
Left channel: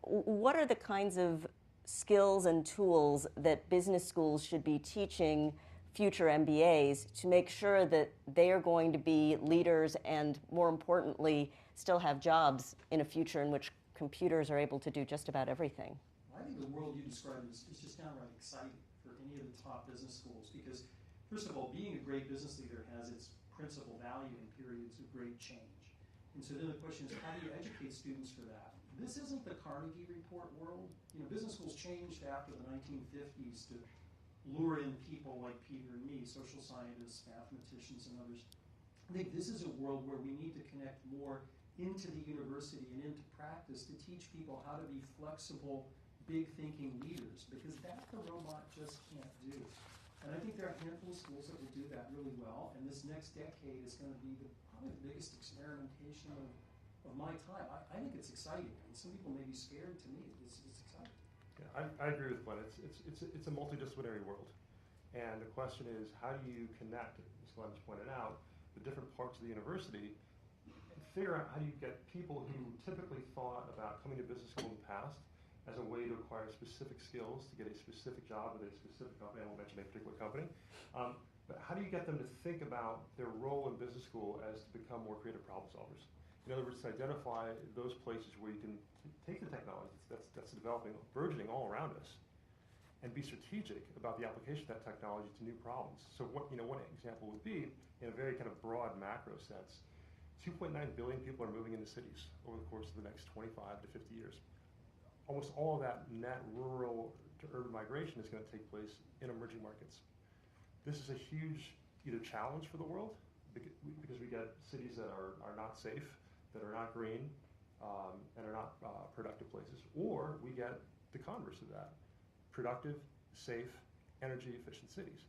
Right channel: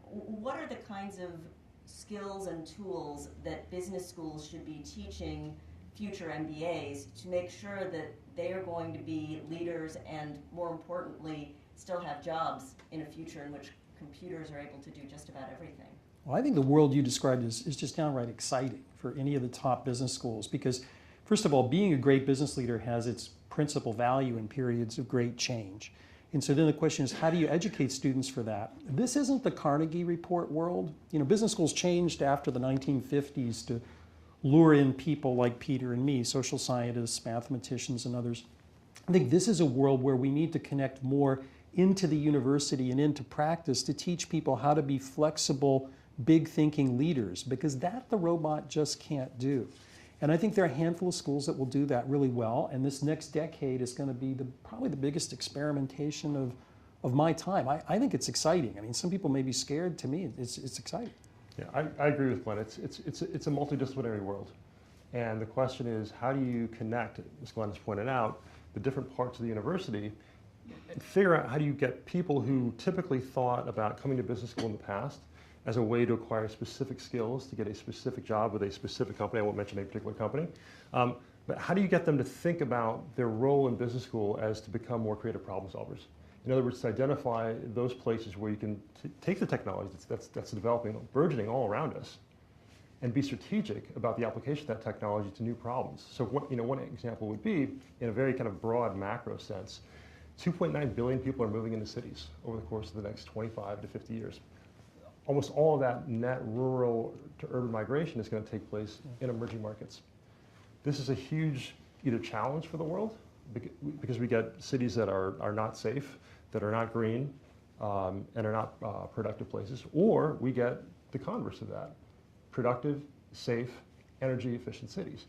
what are the kinds of skills and tools that business schools should be teaching future MBAs to make sure that they are going to be leaders and, more importantly, still have jobs in a future in which computers are able to do just about everything? Well, I think the world you described is just downright exciting for any of the top business schools because, first of all, being a great business leader has its principal value in periods of great change. And so then the question is, how do you educate students for that? This isn't the Carnegie Report world. Business schools changed after the 1950s to lure in people like Peter and me, social scientists, mathematicians, and others. I think this is a world where we need to connect more into the university and into practice to teach people how to be flexible, big thinking leaders, because that the robot just can't do. And I think there are a handful of schools that will do that really well, and this next decade is going to be probably the biggest experimentation of my time. I think it's exciting. I mean, some people may be scared. To me, it's exciting. Yeah, I agree with Glenn. It's a multidisciplinary world, and the question is, how do you connect, as Glenn has pointed out, the different parts of the university, and figure out how do you get people who typically thought about coming to business school in the past as a way to acquire specific skills to get a specific job with a specific company. I won't mention a particular company. But how do you get them to think about their role in business school as to become more creative problem solvers? In other words, to identify those places where you can take the technology that's developing, burgeoning all around us, and be strategic about the application of that technology to new problems. So one example would be, in a very kind of broad macro sense, 2.9 billion people are moving into cities over the course of the next 25 to 50 years. Almost all of that net rural to urban migration is going to take place in emerging markets. This is a huge either challenge for the world, because we get cities that are not safe, that are not green, and are not productive places, or we get the converse of that, productive, safe, energy efficient cities.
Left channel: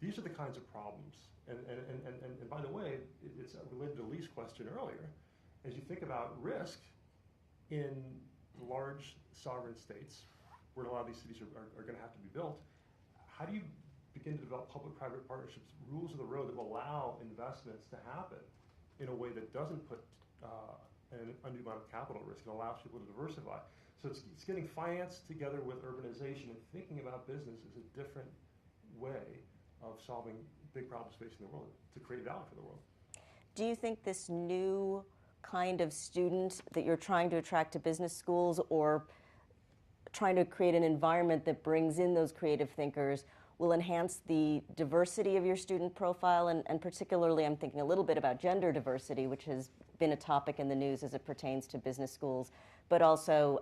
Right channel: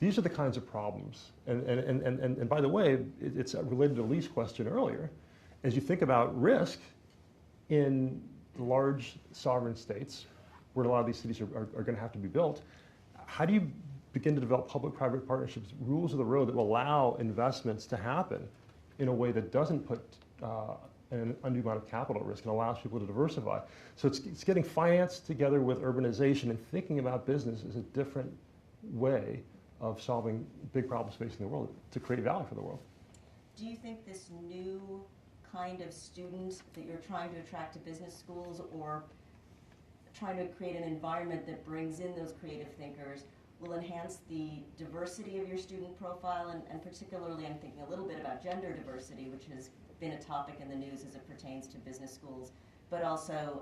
These are the kinds of problems. And by the way, it's related to Lee's question earlier. as you think about risk in large sovereign states, where a lot of these cities are going to have to be built, how do you begin to develop public-private partnerships, rules of the road that will allow investments to happen in a way that doesn't put an undue amount of capital at risk and allows people to diversify? So it's getting finance together with urbanization and thinking about business as a different way of solving big problems facing the world to create value for the world. Do you think this new kind of student that you're trying to attract to business schools, or trying to create an environment that brings in those creative thinkers, will enhance the diversity of your student profile? And particularly, I'm thinking a little bit about gender diversity, which has been a topic in the news as it pertains to business schools, but also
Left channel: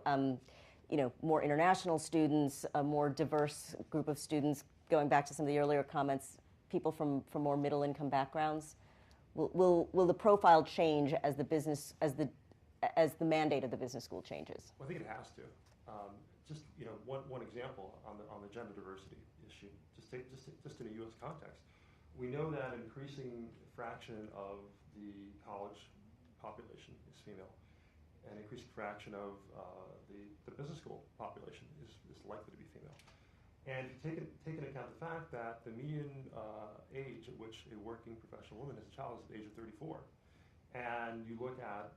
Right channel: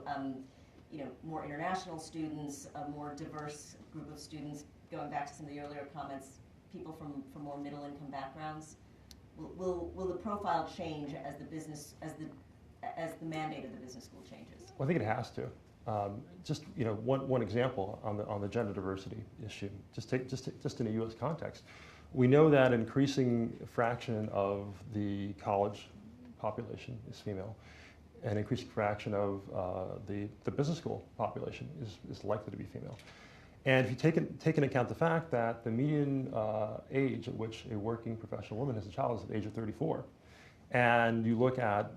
more international students, a more diverse group of students, going back to some of the earlier comments, people from more middle-income backgrounds. Will the profile change as the mandate of the business school changes? Well, I think it has to. Just one example on the gender diversity issue. Just in a U.S. context, we know that an increasing fraction of the college population is female, an increasing fraction of the business school population is likely to be female. And if you take into account the fact that the median age at which a working professional woman has a child is at the age of 34, and you look at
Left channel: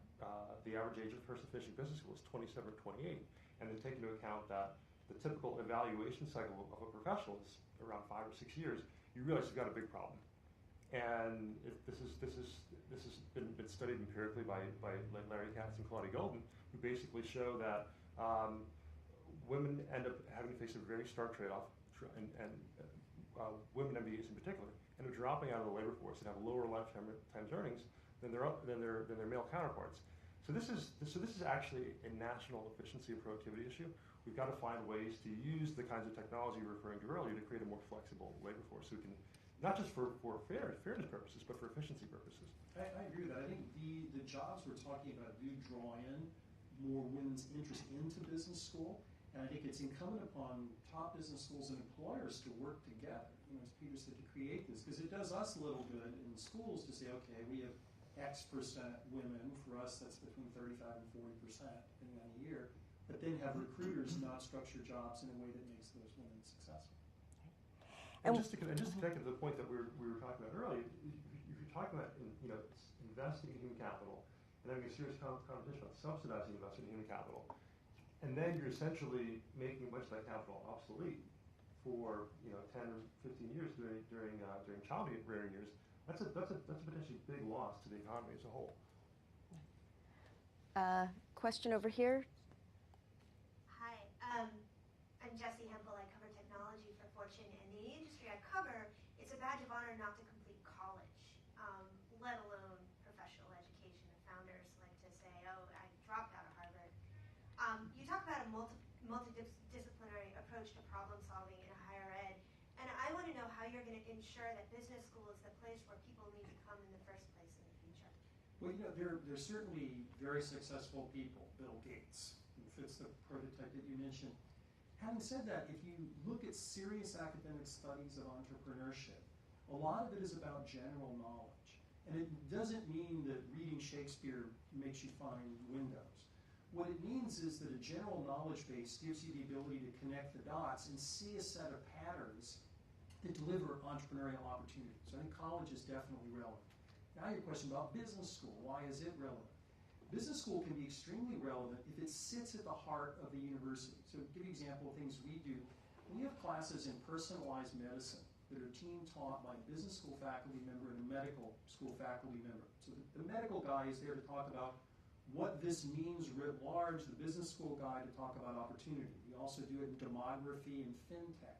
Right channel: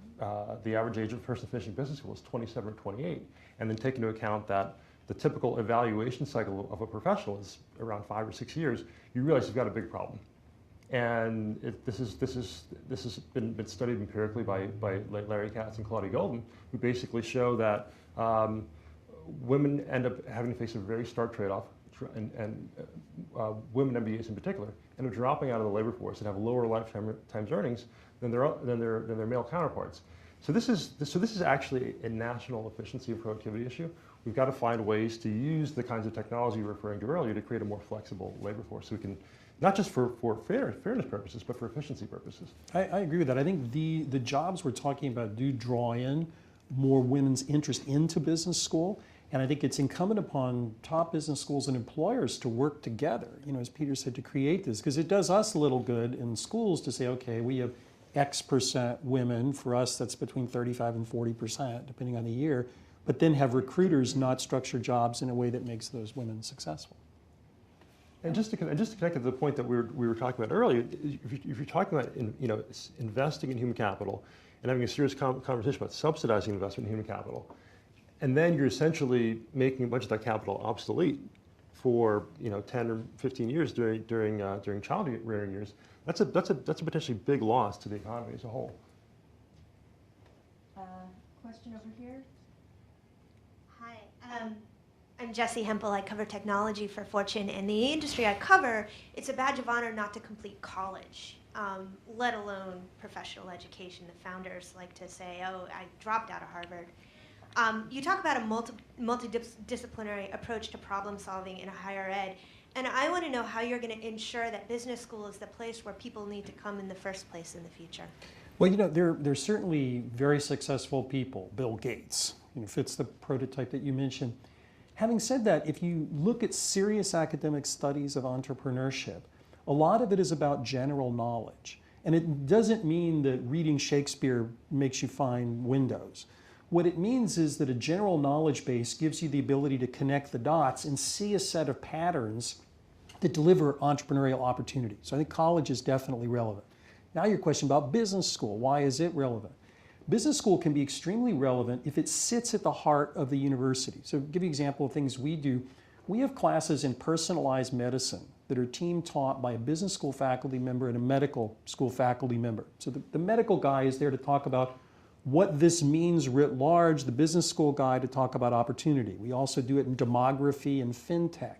the average age of a person finishing business school is 27 or 28, and then take into account that the typical evaluation cycle of a professional is around 5 or 6 years, you realize you've got a big problem. And this has been studied empirically by Larry Katz and Claudia Golden, who basically show that women end up having to face a very stark trade-off, and women MBAs in particular end up dropping out of the labor force and have lower lifetime earnings than their male counterparts. So this is actually a national efficiency and productivity issue. We've got to find ways to use the kinds of technology you were referring to earlier to create a more flexible labor force, so we can, not just for fairness purposes, but for efficiency purposes. I agree with that. I think the jobs we're talking about do draw in more women's interest into business school. And I think it's incumbent upon top business schools and employers to work together, as Peter said, to create this, because it does us a little good in schools to say, okay, we have X% women. For us, that's between 35 and 40%, depending on the year, but then have recruiters not structure jobs in a way that makes those women successful. And just to connect to the point that we were talking about earlier, if you're talking about investing in human capital and having a serious conversation about subsidizing investment in human capital, and then you're essentially making a bunch of that capital obsolete for 10 or 15 years during child rearing years, that's a potentially big loss to the economy as a whole. Question over here. Hi, I'm Jessie Hempel. I cover technology for Fortune. And the industry I cover, it's a badge of honor not to complete college, let alone professional education. The founders like to say, oh, I dropped out of Harvard. You talk about a multidisciplinary approach to problem solving in higher ed, and I want to know how you're going to ensure that business school is the place where people need to come in the first place in the future. Well, there's certainly very successful people. Bill Gates fits the prototype that you mentioned. Having said that, if you look at serious academic studies of entrepreneurship, a lot of it is about general knowledge. And it doesn't mean that reading Shakespeare makes you find windows. What it means is that a general knowledge base gives you the ability to connect the dots and see a set of patterns that deliver entrepreneurial opportunities. So I think college is definitely relevant. Now your question about business school, why is it relevant? Business school can be extremely relevant if it sits at the heart of the university. So to give you an example of things we do, we have classes in personalized medicine that are team taught by a business school faculty member and a medical school faculty member. So the medical guy is there to talk about what this means writ large, the business school guy to talk about opportunity. We also do it in demography and fintech.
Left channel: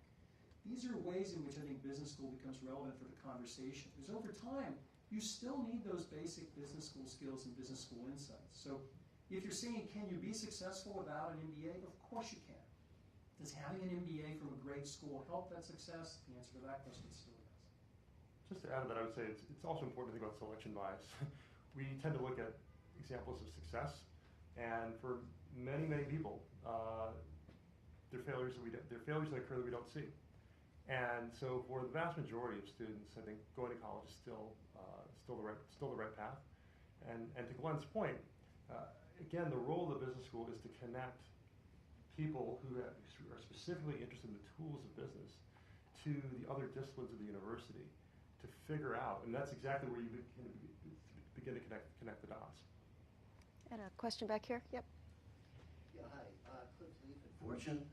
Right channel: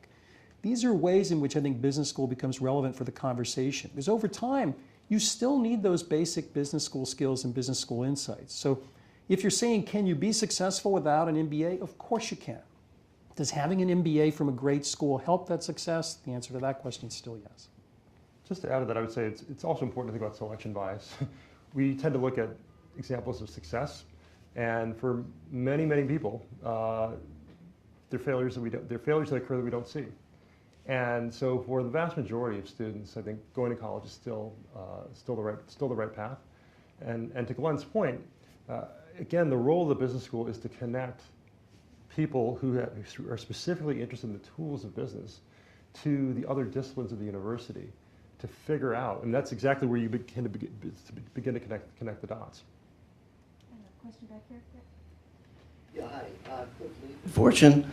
These are ways in which I think business school becomes relevant for the conversation. Because over time, you still need those basic business school skills and business school insights. So if you're saying, can you be successful without an MBA? Of course you can. Does having an MBA from a great school help that success? The answer to that question is still yes. Just to add to that, I would say it's also important to think about selection bias. We tend to look at examples of success, and for many people, they're failures that occur that we don't see. And so, for the vast majority of students, I think going to college is still the right path. And to Glenn's point, Again, the role of the business school is to connect people who are specifically interested in the tools of business to the other disciplines of the university to figure out, and that's exactly where you begin to connect the dots. And a question back here. Yep. Yeah, hi. Quickly. Fortune.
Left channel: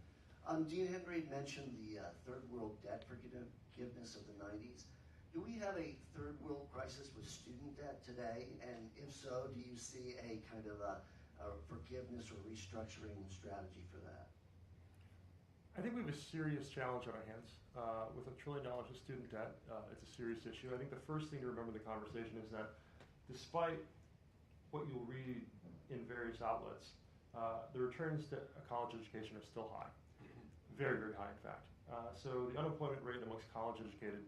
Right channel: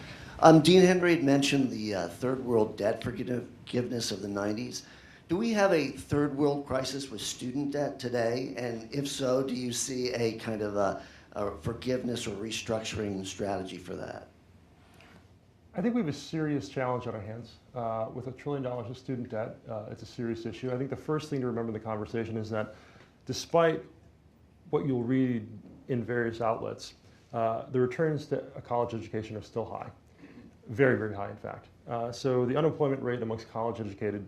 Dean Henry had mentioned the third world debt forgiveness of the 90s. Do we have a third world crisis with student debt today? And if so, do you see a kind of a forgiveness or restructuring strategy for that? I think we have a serious challenge on our hands. With $1 trillion of student debt, it's a serious issue. I think the first thing to remember in the conversation is that despite what you'll read in various outlets, the returns to a college education are still high. Very, very high, in fact. So the unemployment rate amongst college-educated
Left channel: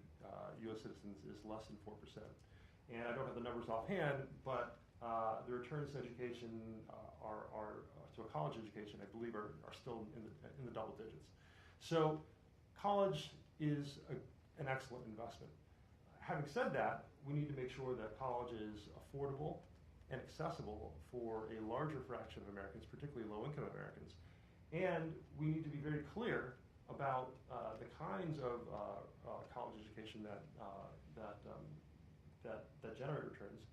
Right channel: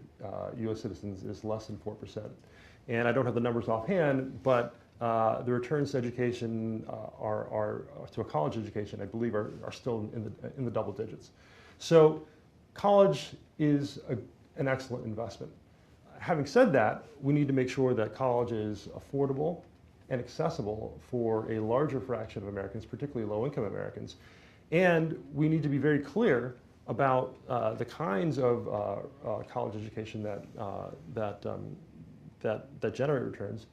U.S. citizens is less than 4%. And I don't have the numbers offhand, but the returns to education to a college education, I believe, are still in the double digits. So college is an excellent investment. Having said that, we need to make sure that college is affordable and accessible for a larger fraction of Americans, particularly low-income Americans. And we need to be very clear about the kinds of college education that generate returns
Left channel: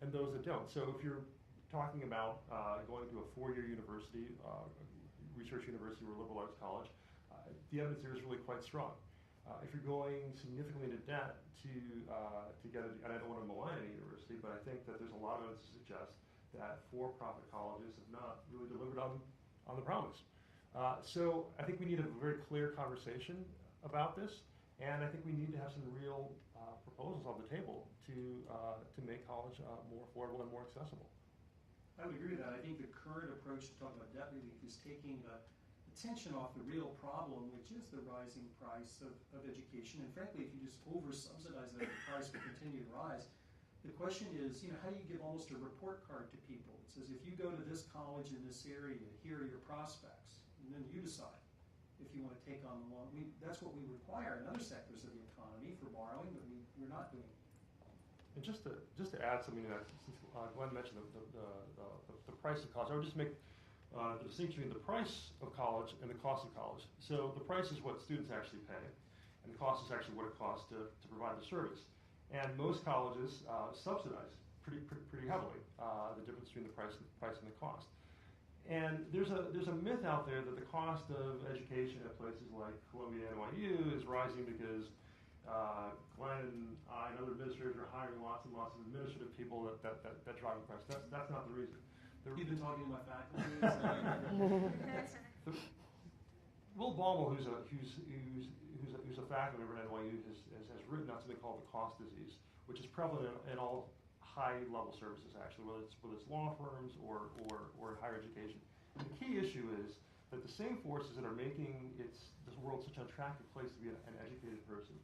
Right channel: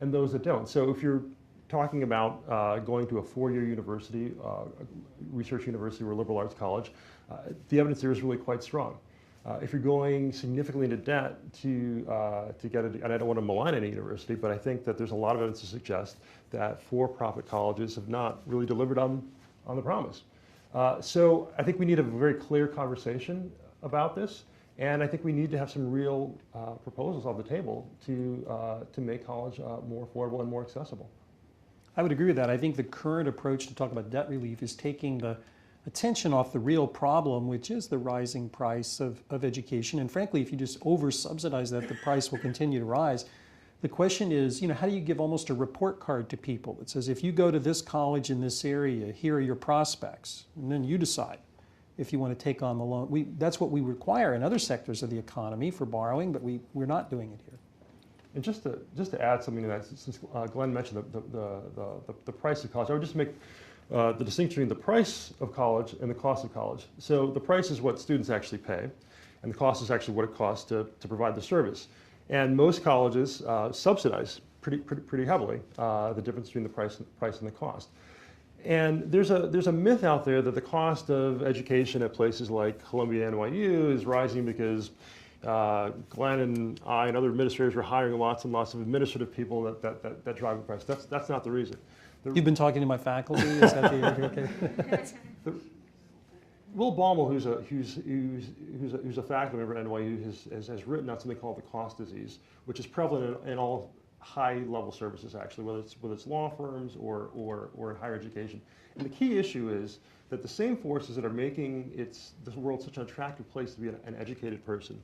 and those that don't. So if you're talking about going to a four-year university, research university or liberal arts college, the evidence there is really quite strong. If you're going significantly into debt to get and I don't want to malign any university, but I think that there's a lot of evidence to suggest that for-profit colleges have not really delivered on the promise. So I think we need a very clear conversation about this, and I think we need to have some real proposals on the table to make college more affordable and more accessible. I would agree with that. I think the current approach to talk about debt relief is taking the attention off the real problem, which is the rising price of education. And frankly, if you just over-subsidize that, the price will continue to rise. The question is, how do you give almost a report card to people that says, if you go to this college in this area, here are your prospects, and then you decide if you want to take on the loan. That's what we require in other sectors of the economy for borrowing, but we're not doing it here. And just to add something to that, since Glenn mentioned the price of college, I would just make the distinction between the price of college and the cost of college. So the price is what students actually pay, and the cost is actually what it costs to provide the service. And most colleges subsidize pretty heavily the difference between the price and the cost. And there's a myth out there that the cost of education at places like Columbia, NYU is rising because Glenn and I and other administrators are hiring lots and lots of administrative people that drive the price. That's not the reason. You've been talking to my faculty? Is that the Will Baumel, who's a faculty member at NYU, has written out something called the cost disease, which is prevalent in all high-level services, actually, whether it's law firms or in higher education. And the key issue is that the same forces that are making this world such an attractive place to be an educated person,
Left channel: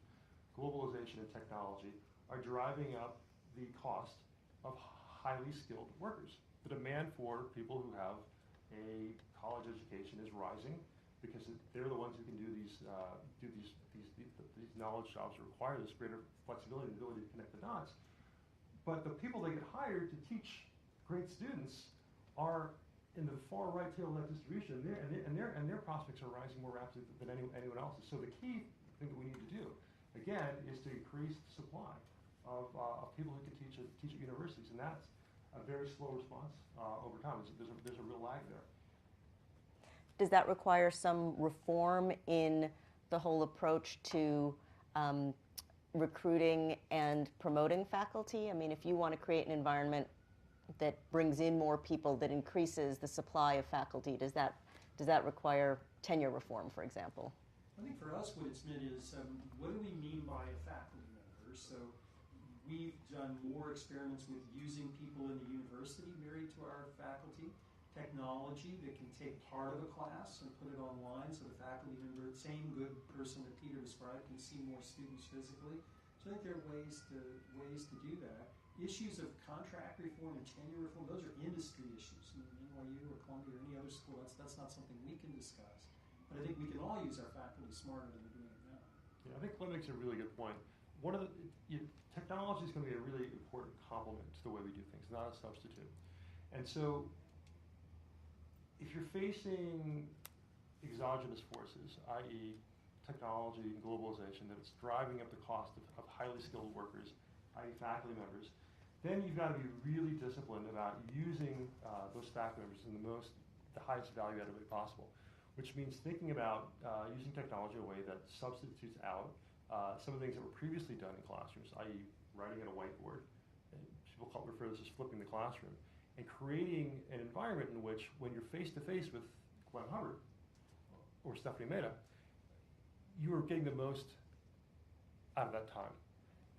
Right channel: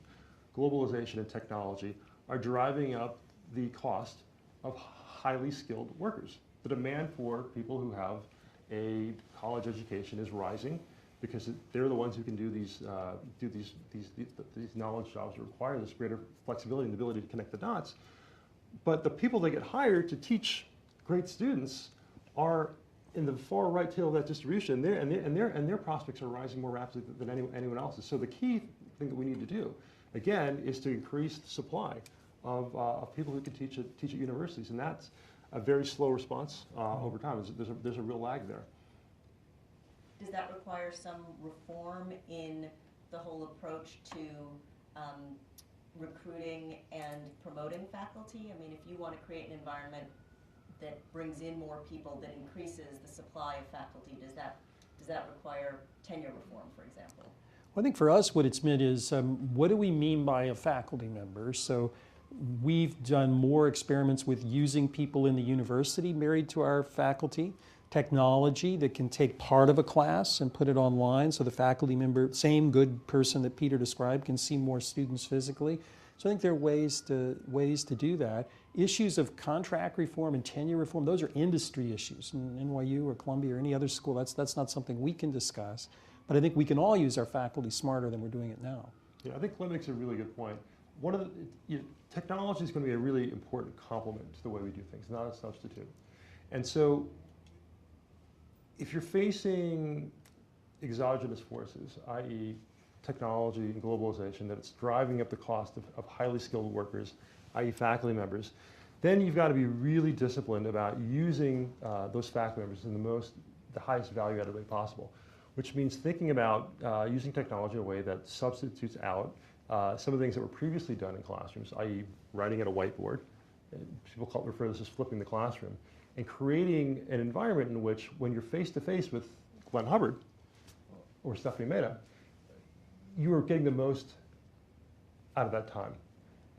globalization and technology, are driving up the cost of highly skilled workers. The demand for people who have a college education is rising because they're the ones who can do these knowledge jobs that require this greater flexibility and the ability to connect the dots. But the people that get hired to teach great students are in the far right tail of that distribution, and their prospects are rising more rapidly than anyone else's. So the key thing that we need to do, again, is to increase the supply of people who can teach at universities, and that's a very slow response over time. There's a real lag there. Does that require some reform in the whole approach to recruiting and promoting faculty? I mean, if you want to create an environment that brings in more people, that increases the supply of faculty, does that require tenure reform, for example? Well, I think for us what it's meant is, what do we mean by a faculty member? So we've done more experiments with using people in the university married to our faculty, technology that can take part of a class and put it online so the faculty member, same good person that Peter described, can see more students physically. So I think there are ways to do that. Issues of contract reform and tenure reform, those are industry issues. In NYU or Columbia or any other school, that's not something we can discuss. But I think we can all use our faculty smarter than we're doing it now. Yeah, I think Glenn makes a really good point. Technology is going to be a really important complement to the way we do things, not a substitute. And so if you're facing exogenous forces, i.e. technology and globalization, that it's driving up the cost of highly skilled workers, i.e. faculty members, then you've got to be really disciplined about using those faculty members in the highest value added way possible, which means thinking about using technology in a way that substitutes out some of the things that were previously done in classrooms, i.e. writing at a whiteboard. People refer to this as flipping the classroom, and creating an environment in which when you're face to face with Glenn Hubbard or Stephanie Mehta, you are getting the most out of that time.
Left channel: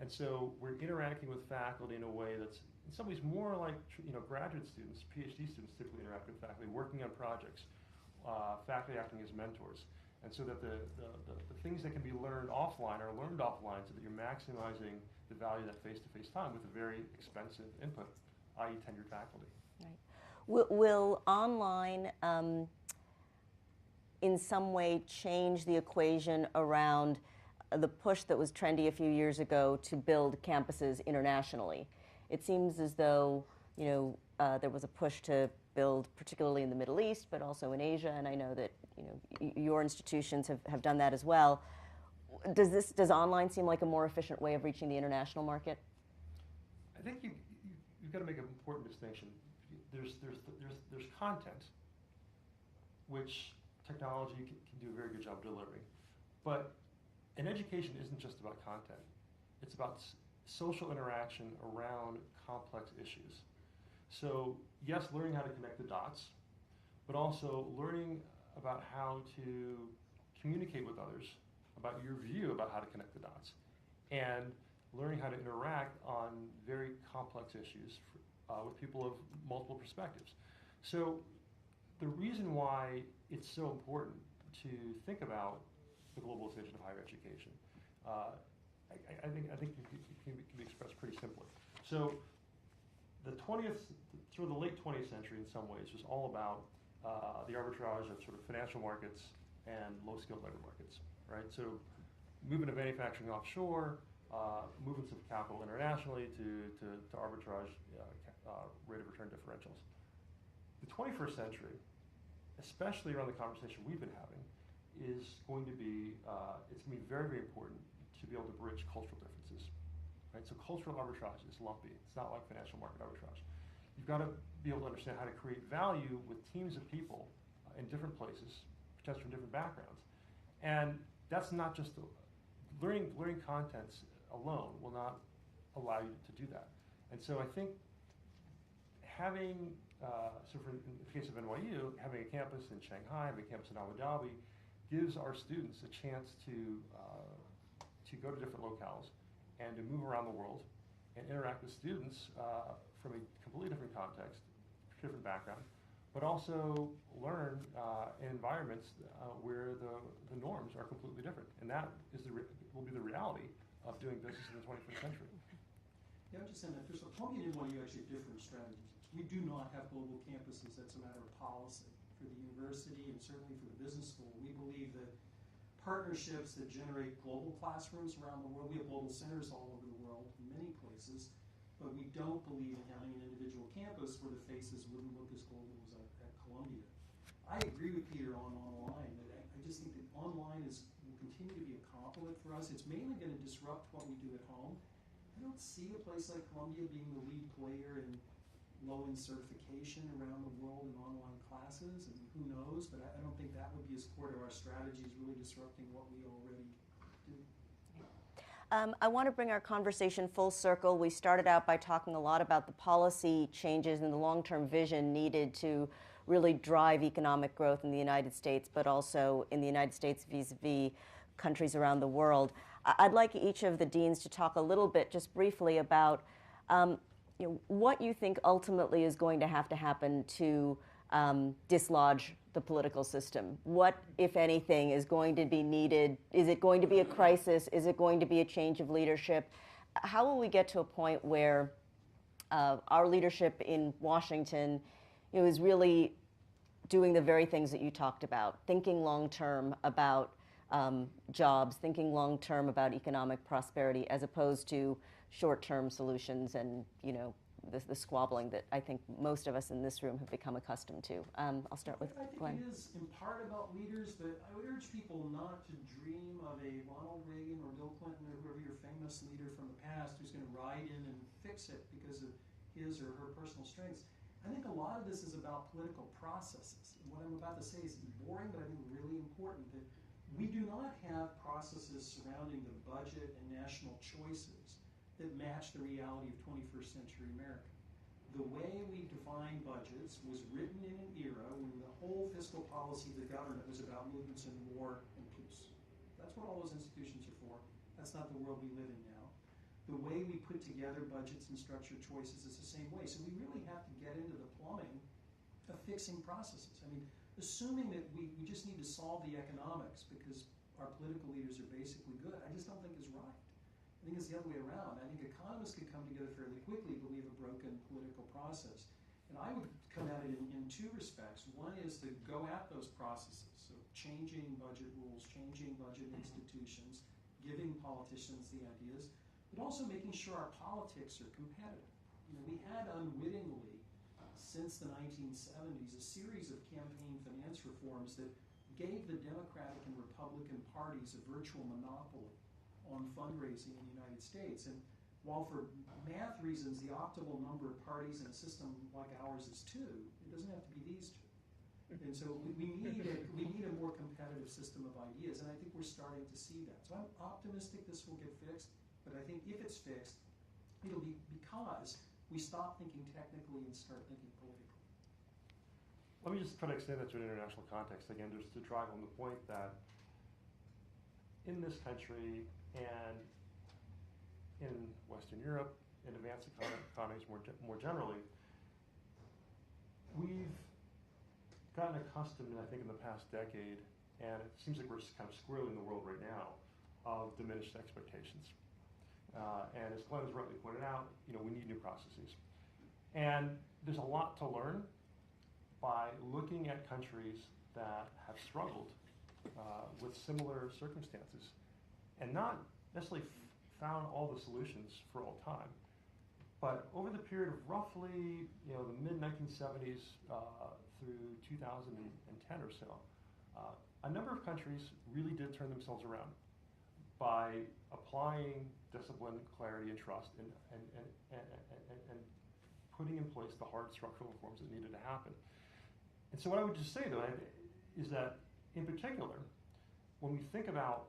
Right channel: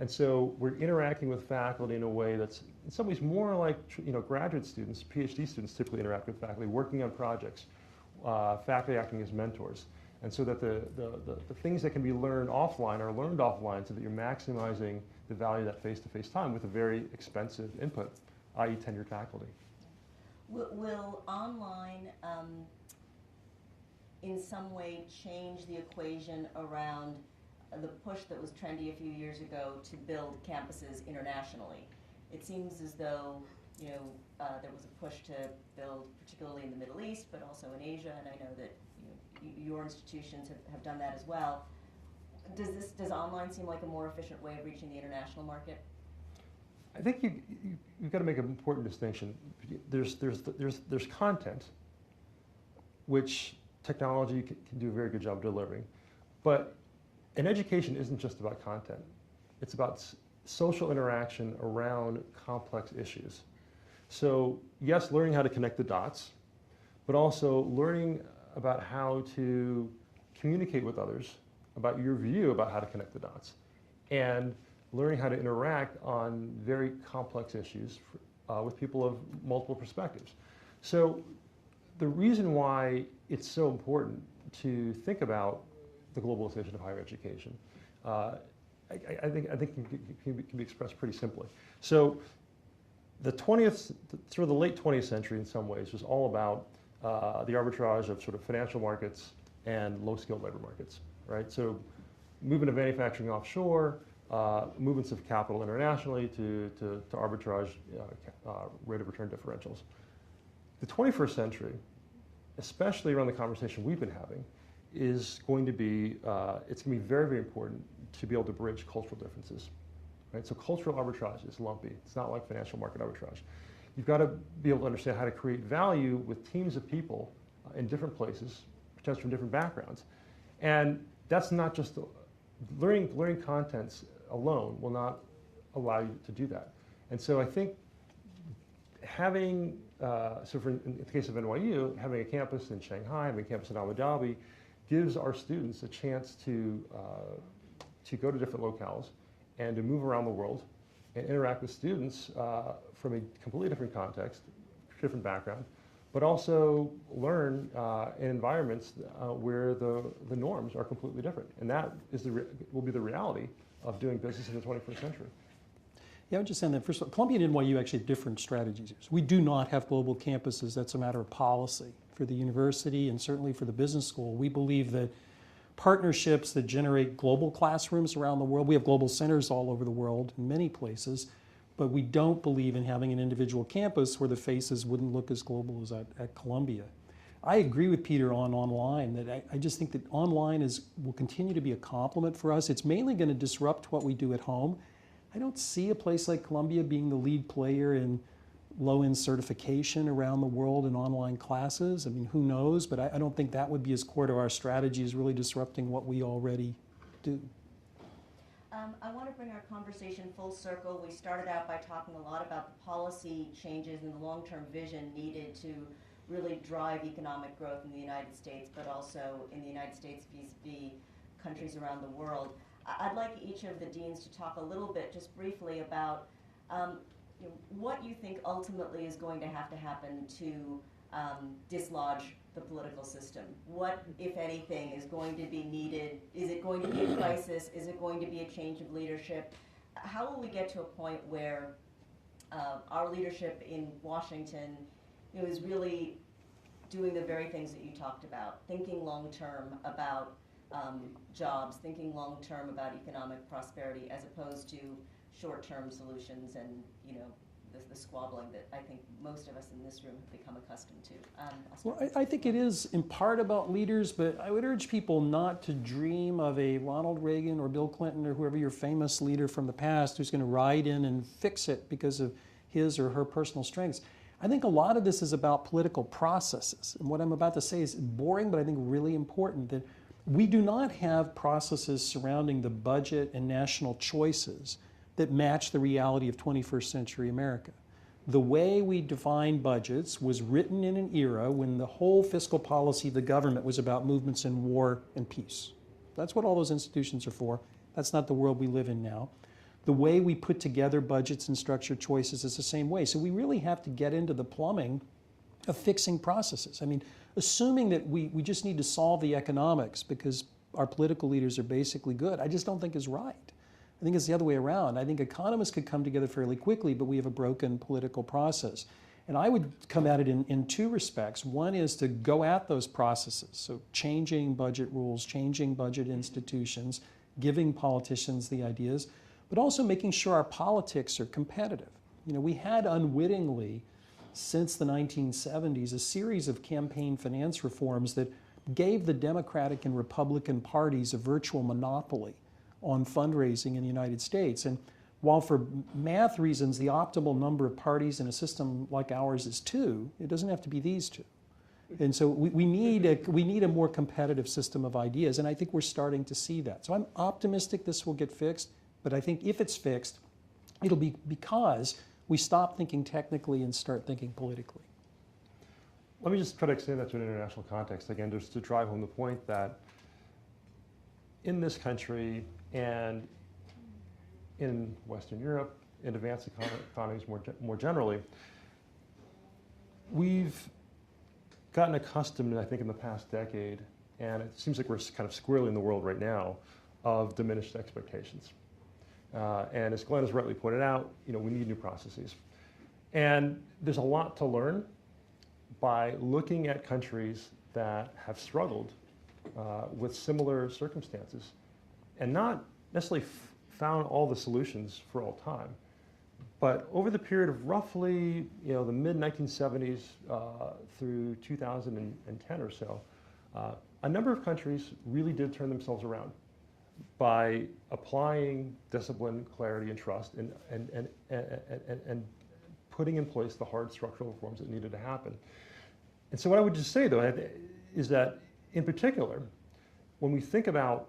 And so we're interacting with faculty in a way that's in some ways more like graduate students, PhD students typically interact with faculty, working on projects, faculty acting as mentors. And so that the things that can be learned offline are learned offline so that you're maximizing the value of that face-to-face time with a very expensive input, i.e. tenured faculty. Right. Will online in some way change the equation around the push that was trendy a few years ago to build campuses internationally? It seems as though there was a push to build, particularly in the Middle East, but also in Asia, and I know that your institutions have done that as well. Does online seem like a more efficient way of reaching the international market? I think you've got to make an important distinction. There's content, which technology can do a very good job delivering, but an education isn't just about content. It's about social interaction around complex issues. So yes, learning how to connect the dots, but also learning about how to communicate with others about your view about how to connect the dots, and learning how to interact on very complex issues with people of multiple perspectives. So the reason why it's so important to think about the globalization of higher education, I think can be expressed pretty simply. So the sort of the late 20th century in some ways was all about the arbitrage of sort of financial markets and low-skilled labor markets, right? So movement of manufacturing offshore, movements of capital internationally to arbitrage rate of return differentials. The 21st century, especially around the conversation we've been having, is going to be, it's going to be very, very important to be able to bridge cultural differences, right? So cultural arbitrage is lumpy. It's not like financial market arbitrage. You've got to be able to understand how to create value with teams of people in different places, potentially from different backgrounds. And that's not just, learning contents alone will not allow you to do that. And so I think having, in the case of NYU, having a campus in Shanghai, having a campus in Abu Dhabi, gives our students a chance to go to different locales and to move around the world and interact with students from a completely different context, different background, but also learn in environments where the norms are completely different. And that will be the reality of doing business in the 21st century. Yeah, I would just say that, first of all, Columbia and NYU actually have different strategies. We do not have global campuses. That's a matter of policy for the university and certainly for the business school. We believe that partnerships that generate global classrooms around the world, we have global centers all over the world in many places, but we don't believe in having an individual campus where the faces wouldn't look as global as at Columbia. I agree with Peter on online, that I just think that online will continue to be a complement for us. It's mainly going to disrupt what we do at home. I don't see a place like Columbia being the lead player in low-end certification around the world in online classes. I mean, who knows? But I don't think that would be as core to our strategy as really disrupting what we already do. I want to bring our conversation full circle. We started out by talking a lot about the policy changes and the long-term vision needed to really drive economic growth in the United States, but also in the United States vis-a-vis countries around the world. I'd like each of the deans to talk a little bit, just briefly, about what you think ultimately is going to happen to dislodge the political system. What, if anything, is going to be needed? Is it going to be a crisis? Is it going to be a change of leadership? How will we get to a point where our leadership in Washington is really doing the very things that you talked about, thinking long-term about jobs, thinking long-term about economic prosperity, as opposed to short-term solutions and the squabbling that I think most of us in this room have become accustomed to. I'll start Well, with I think Glenn. it is in part about leaders, but I would urge people not to dream of a Ronald Reagan or Bill Clinton or whoever your famous leader from the past who's going to ride in and fix it because of his or her personal strengths. I think a lot of this is about political processes. And what I'm about to say is boring, but I think really important, that we do not have processes surrounding the budget and national choices that match the reality of 21st century America. The way we define budgets was written in an era when the whole fiscal policy of the government was about movements in war and peace. That's what all those institutions are for. That's not the world we live in now. The way we put together budgets and structure choices is the same way. So we really have to get into the plumbing of fixing processes. I mean, assuming that we just need to solve the economics because our political leaders are basically good, I just don't think is right. I think it's the other way around. I think economists could come together fairly quickly, but we have a broken political process. And I would come at it in two respects. One is to go at those processes, so changing budget rules, changing budget institutions, giving politicians the ideas, but also making sure our politics are competitive. You know, we had unwittingly, since the 1970s, a series of campaign finance reforms that gave the Democratic and Republican parties a virtual monopoly on fundraising in the United States. And while for math reasons the optimal number of parties in a system like ours is 2, it doesn't have to be these 2. And so we need a more competitive system of ideas, and I think we're starting to see that. So I'm optimistic this will get fixed, but I think if it's fixed, it'll be because we stop thinking technically and start thinking politically. Let me just try to extend that to an international context again, just to drive home the point that in this country and in Western Europe, in advanced economies more generally, we've gotten accustomed, I think, in the past decade, and it seems like we're kind of squarely in the world right now, of diminished expectations. And as Glenn has rightly pointed out, you know, we need new processes. And there's a lot to learn by looking at countries that have struggled with similar circumstances and not necessarily found all the solutions for all time. But over the period of roughly, you know, the mid-1970s through 2010 or so, a number of countries really did turn themselves around by applying discipline, clarity, and trust, and putting in place the hard structural reforms that needed to happen. And so what I would just say, though, is that, in particular, when we think about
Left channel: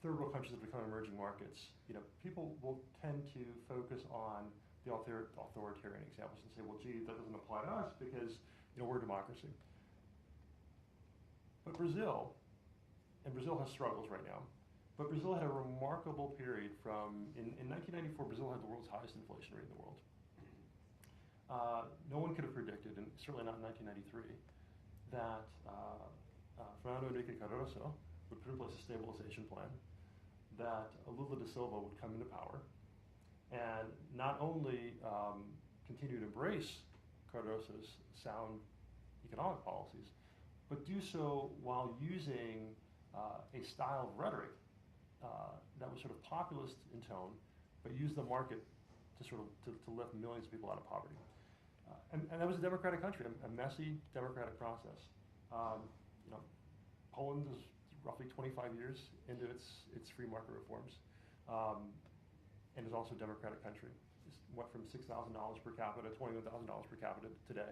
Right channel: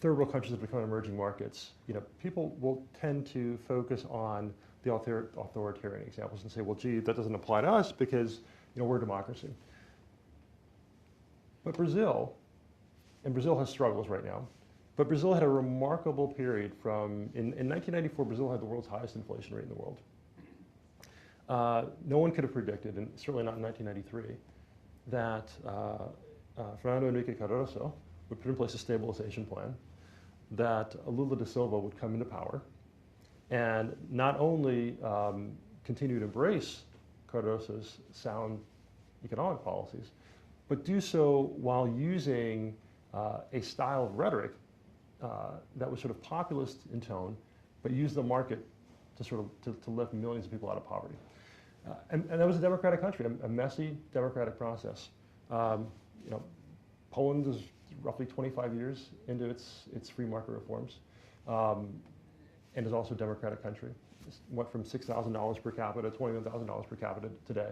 third world countries that become emerging markets, you know, people will tend to focus on the authoritarian examples and say, well, gee, that doesn't apply to us because, you know, we're a democracy. But Brazil has struggles right now, but Brazil had a remarkable period from, in 1994, Brazil had the world's highest inflation rate in the world. No one could have predicted, and certainly not in 1993, that Fernando Henrique Cardoso would put in place a stabilization plan, that Lula da Silva would come into power, and not only continue to embrace Cardoso's sound economic policies, but do so while using a style of rhetoric that was sort of populist in tone, but used the market to sort of to lift millions of people out of poverty. And that was a democratic country, a messy democratic process. You know, Poland is roughly 25 years into its free market reforms, and is also a democratic country. It went from $6,000 per capita to $21,000 per capita today.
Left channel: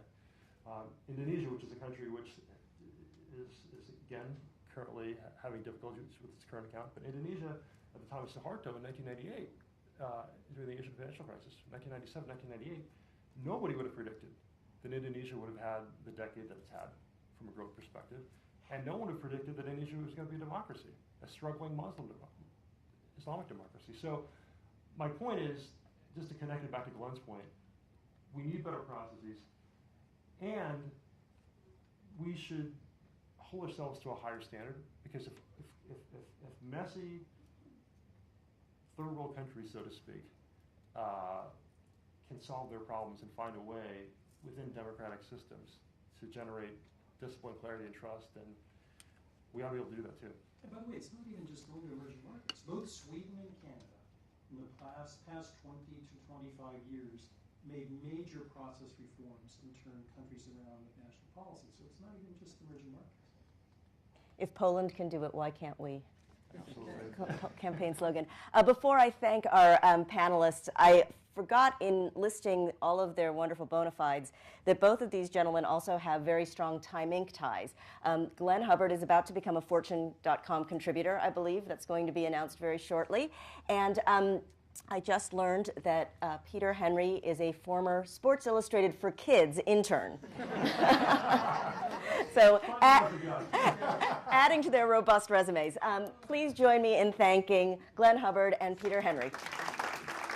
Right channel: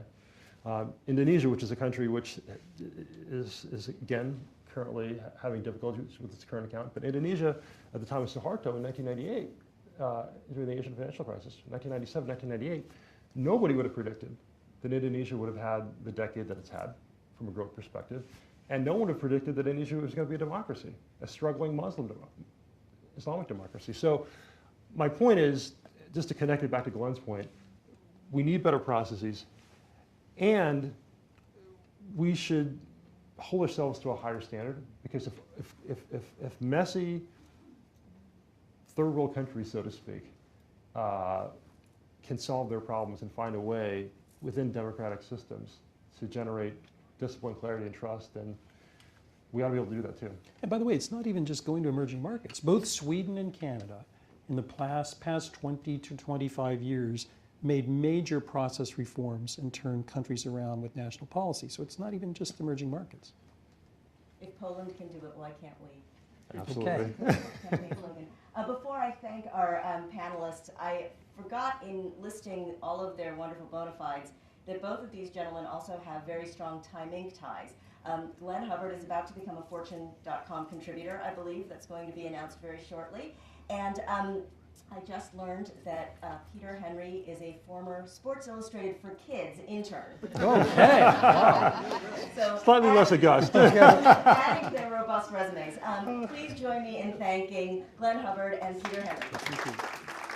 Indonesia, which is a country which is again currently having difficulties with its current account, but Indonesia at the time of Suharto in 1998, during the Asian financial crisis, 1997, 1998, nobody would have predicted that Indonesia would have had the decade that it's had from a growth perspective. And no one would have predicted that Indonesia was going to be a democracy, a struggling Islamic democracy. So my point is, just to connect it back to Glenn's point, we need better processes, and we should hold ourselves to a higher standard, because if messy third world countries, so to speak, can solve their problems and find a way within democratic systems to generate discipline, clarity, and trust, then we ought to be able to do that too. And by the way, it's not even just going to emerging markets. Both Sweden and Canada, in the past 20 to 25 years, made major process reforms and turned countries around with national policy. So it's not even just emerging markets. If Poland can do it, why can't we? Absolutely. Campaign slogan. Before I thank our panelists, I forgot in listing all of their wonderful bona fides that both of these gentlemen also have very strong Time Inc. ties. Glenn Hubbard is about to become a Fortune.com contributor, I believe. That's going to be announced very shortly. And I just learned that Peter Henry is a former Sports Illustrated for Kids intern. Okay. So Slightly less august. adding to their robust resumes. Please join me in thanking Glenn Hubbard and Peter Henry. Thank you.